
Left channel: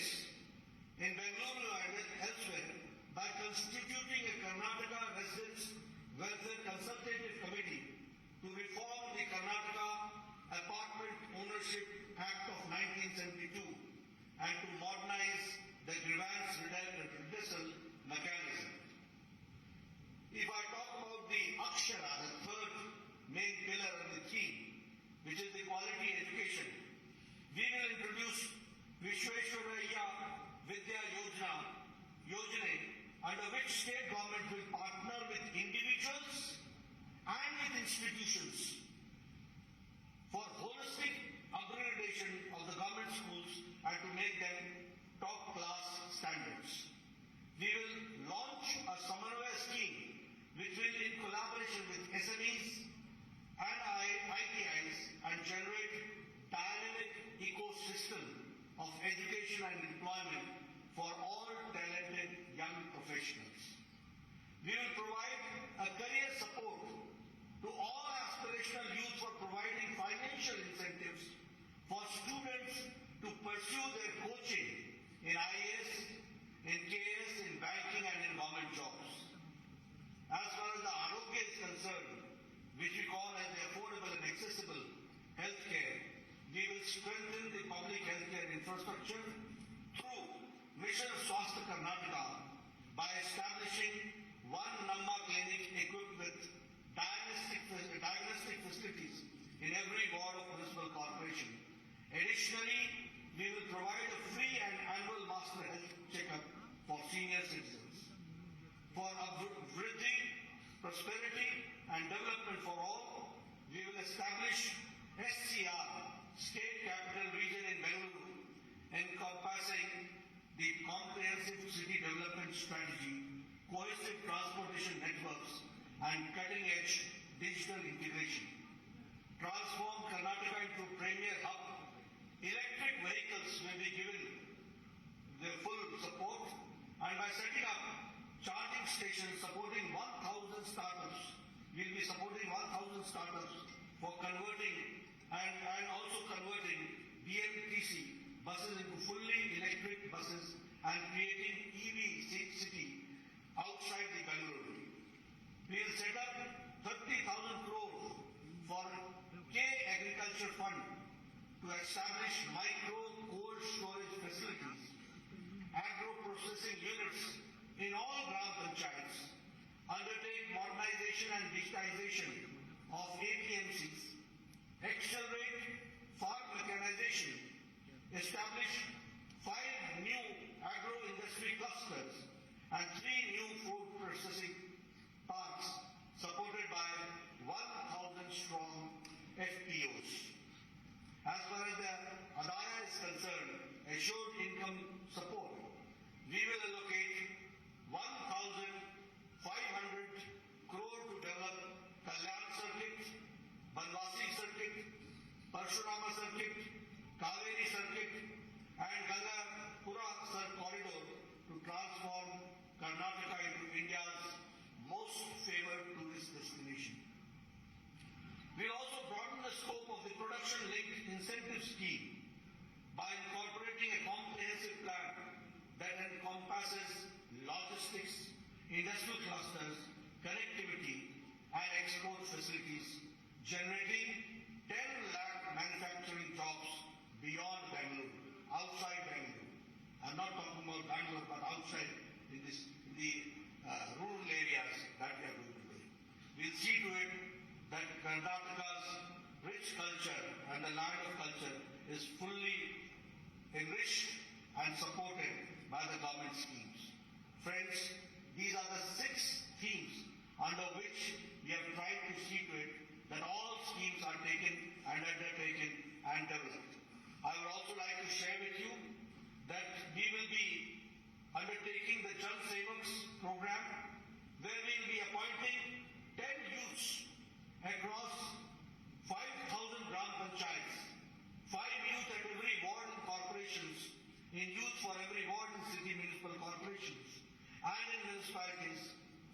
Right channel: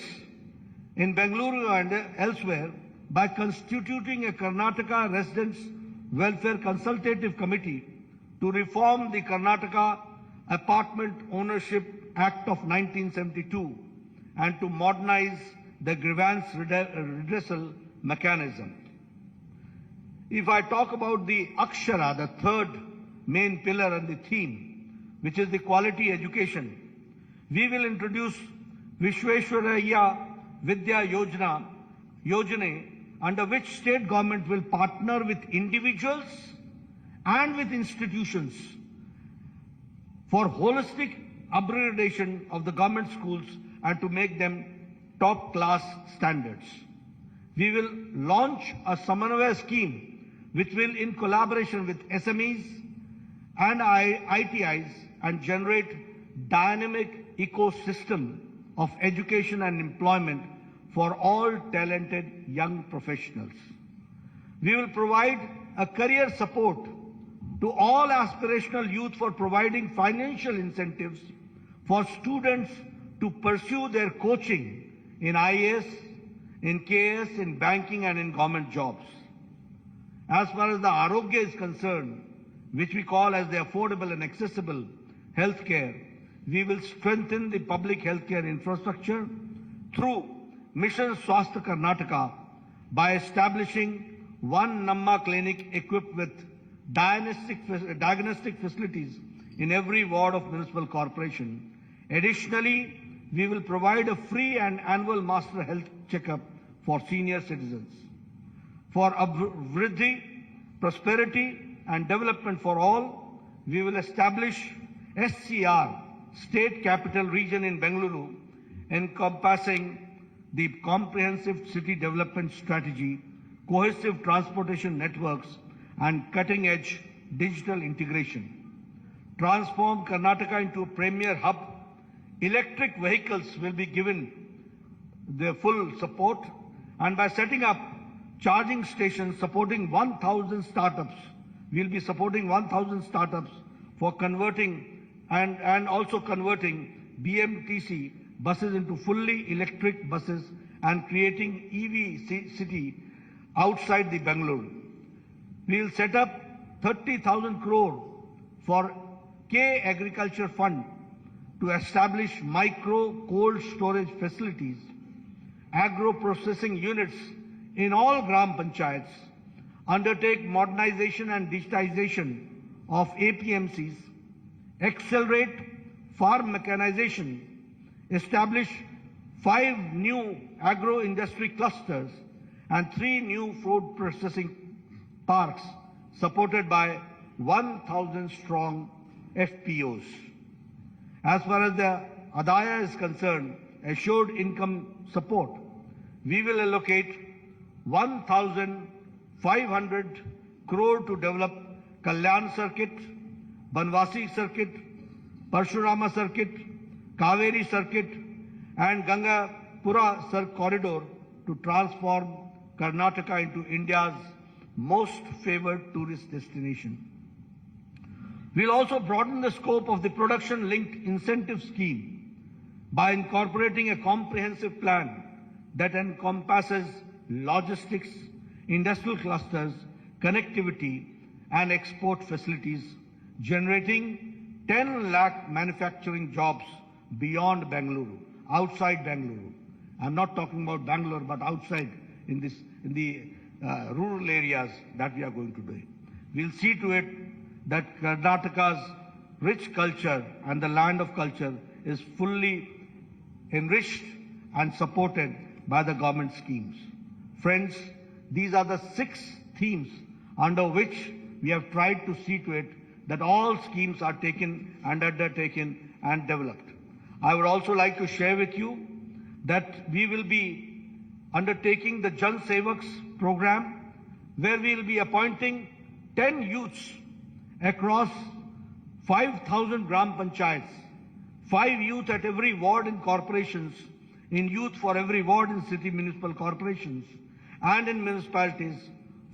in Bengaluru and elsewhere by constituting a Karnataka Residents Welfare Consultative Committee to reform the Karnataka Apartment Ownership Act of 1972 and to modernize the grievance redressal mechanism. If I talk about the Akshara, the third main pillar and the theme, which is the quality education, we will introduce Vishweshwaraya Vidya Yojana, under which state government will partner with individuals and with institutions for holistic upgradation of the government schools and to make them top class standards. We will launch a Samanvaya scheme which will, in collaboration with SMEs and ITIs, and generate dynamic ecosystem of education and employment for all talented young professionals. We will provide a career support to all aspirational youth for providing financial incentives for students to pursue their coaching in IAS, in KS, in banking and in government jobs. As far as the Arogya is concerned, which we call as the affordable and accessible healthcare, we will strengthen the public healthcare infrastructure through Mission Swasthya Karnataka by establishing one Namma clinic equipped with diagnostic facilities in every ward of municipal corporation. Additionally, we will provide a free and annual master health checkup for senior citizens. For Vriddhi, prosperity and development for all, we will establish SCR, State Capital Region in Bengaluru, encompassing the comprehensive city development strategy, cohesive transportation networks, and cutting-edge digital integration. Transform Karnataka into a premier hub. Electric vehicles will be given their full support, and by setting up charging stations supporting 1,000 startups, we'll be supporting 1,000 startups for converting and also converting BMTC buses into fully electric buses and creating EV city outside the Bengaluru. We will set up 30,000 crore for K Agriculture Fund to establish micro cold storage facilities, agro processing units in all Gram Panchayats, undertake modernization and digitization of APMCs, accelerate farm mechanization, establish 5 new agro-industry clusters and 3 new food processing parks supported by 1,000 strong FPOs. As far as the Adaya is concerned, assured income support, we will allocate 1,500 crore to develop Kalyan Circuit, Banwasi Circuit, Parshurama Circuit, Kaveri Circuit, and Gangapura corridor to transform Karnataka into India's most favored tourist destination. We'll also broaden the scope of the production-linked incentive scheme by incorporating a comprehensive plan that encompasses logistics, industrial clusters, connectivity, and export facilities, generating 10 lakh manufacturing jobs beyond Bengaluru, outside Bengaluru. I'm not talking about Bangalore, but outside in the rural areas that we are going to do. We'll see to it that Karnataka's rich culture and the land of culture is fully enriched and supported by the government schemes. Friends, these are the 6 themes under which we have tried to see to it that all schemes are taken and undertaken and developed. I would also like to share with you that we will be undertaking the Jan Sevaks program, where we will be appointing 10 youths across 5,000 Gram Panchayats, 5 youth at every ward in corporations, in youth for every ward in city municipal corporations, and in municipalities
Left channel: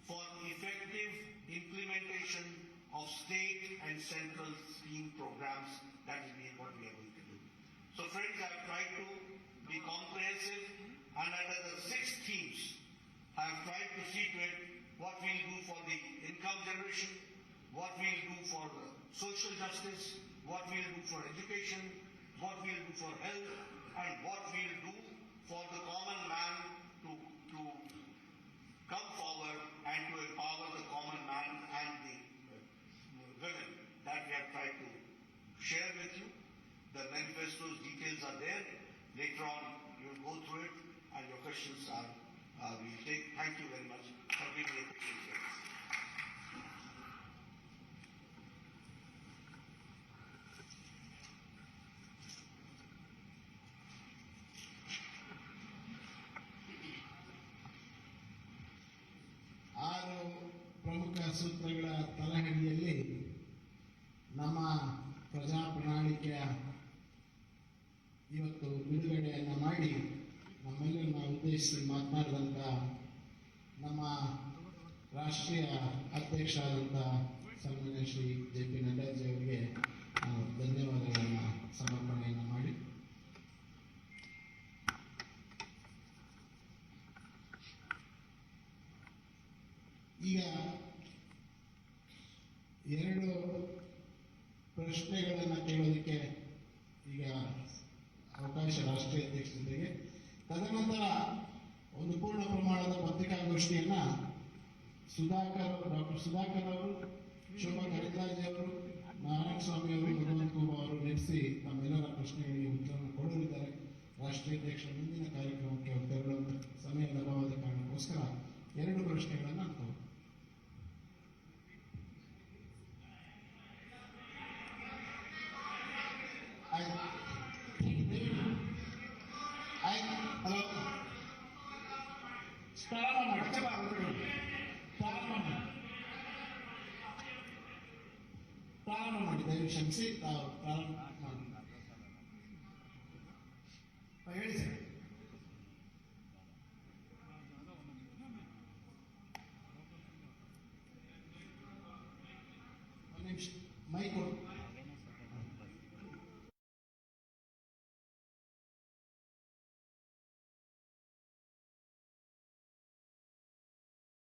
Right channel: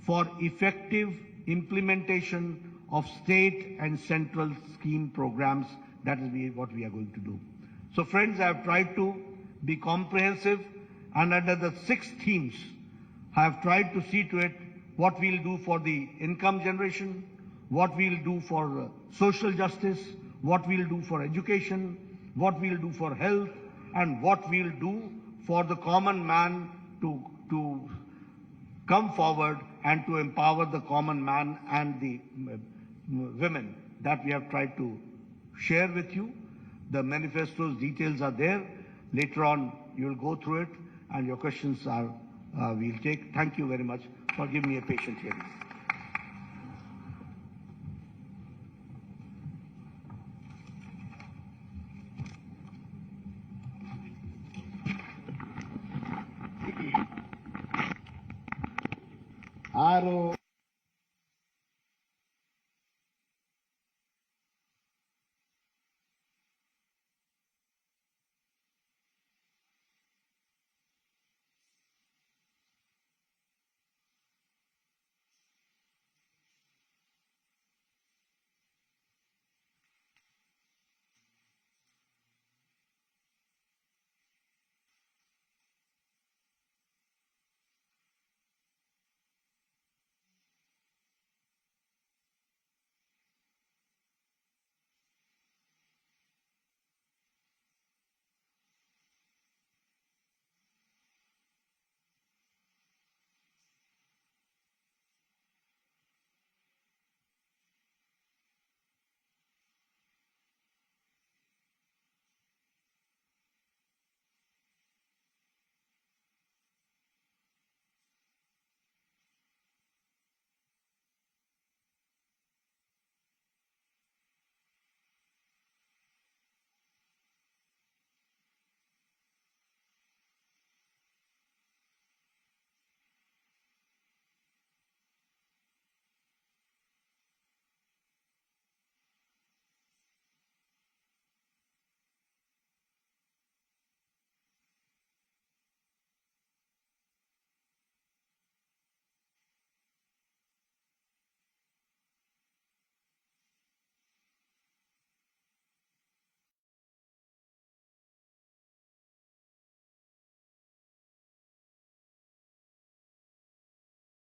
for effective implementation of state and central scheme programs. That is what we are going to do. So friends, I have tried to be comprehensive, and under the 6 themes, I have tried to see to it what we'll do for the income generation, what we'll do for social justice, what we'll do for education, what we'll do for health, and what we'll do for the common man to come forward and to empower the common man and the women that we have tried to share with you. The manifesto's details are there. Later on, you will go through it, and your questions we'll take. Thank you very much for giving me a patient hearing. ಆರು ಪ್ರಮುಖ ಸೂತ್ರಗಳ ತಲಹದಿಯಲ್ಲಿ ನಮ್ಮ ಪ್ರಜಾ ಪ್ರಣಾಳಿಕೆಯ ಇವತ್ತು ಬಿಡುಗಡೆಯನ್ನು ಮಾಡಿ ನಮ್ಮೆಲ್ಲರನ್ನ ಉದ್ದೇಶಿಸಿ ಮಾತನಾಡಿದಂಥ ನಮ್ಮ ರಾಷ್ಟ್ರೀಯ ಅಧ್ಯಕ್ಷರಾದಂಥ ಸನ್ಮಾನ್ಯ ಶ್ರೀ J.P.Nadda ಅವರಿಗೆ ನಾವು ಧನ್ಯವಾದಗಳನ್ನು ಸಮರ್ಪಣೆಯನ್ನು ಮಾಡಿ ಈಗ 2 ಪ್ರಶ್ನೆಗಳನ್ನು ಕೇಳೋದಕ್ಕೆ ಈಗ ಅವಕಾಶ ರಾಷ್ಟ್ರೀಯ ಅಧ್ಯಕ್ಷತೆಗೆ. ತದನಂತರ ಒಂದು ಪೂರ್ಣ ಪ್ರಮಾಣದ ಪತ್ರಿಕಾಗೋಷ್ಠಿಯನ್ನ ಡಾಕ್ಟರ್ ಸುಧಾಕರ್ ಅವರು, ಶೋಭಾ ಕರಂದ್ಲಾಜೆ ಅವರು, ನಾರಾಯಣ ಸ್ವಾಮಿ ಅವರು, ಭಗವಂತ ಕುಮಾರ್ ಅವರು ನಡೆಸಿ ತಮ್ಮೆಲ್ಲರ ಪ್ರಶ್ನೆಗಳಿಗೆ ಉತ್ತರವನ್ನು ಕೊಡಲಿದ್ದಾರೆ. ರಾಷ್ಟ್ರೀಯ ಅಧ್ಯಕ್ಷರ ಮುಂದಿನ ಕಾರ್ಯಕ್ರಮಕ್ಕೆ ತೆರಳುವಂತ ಸಮಯದ ಅಭಾವದ ಕಾರಣಕ್ಕೋಸ್ಕರ 2 ಪ್ರಶ್ನೆಗಳನ್ನು ನಾನು ಪ್ರಾರಂಭ ಮಾಡಿ ದಯವಿಟ್ಟು ಕ್ಷಮಿಸಿ. ಪ್ರಾರಂಭ ಮಾಡಿ ಹೇಳಿ ಸರ್.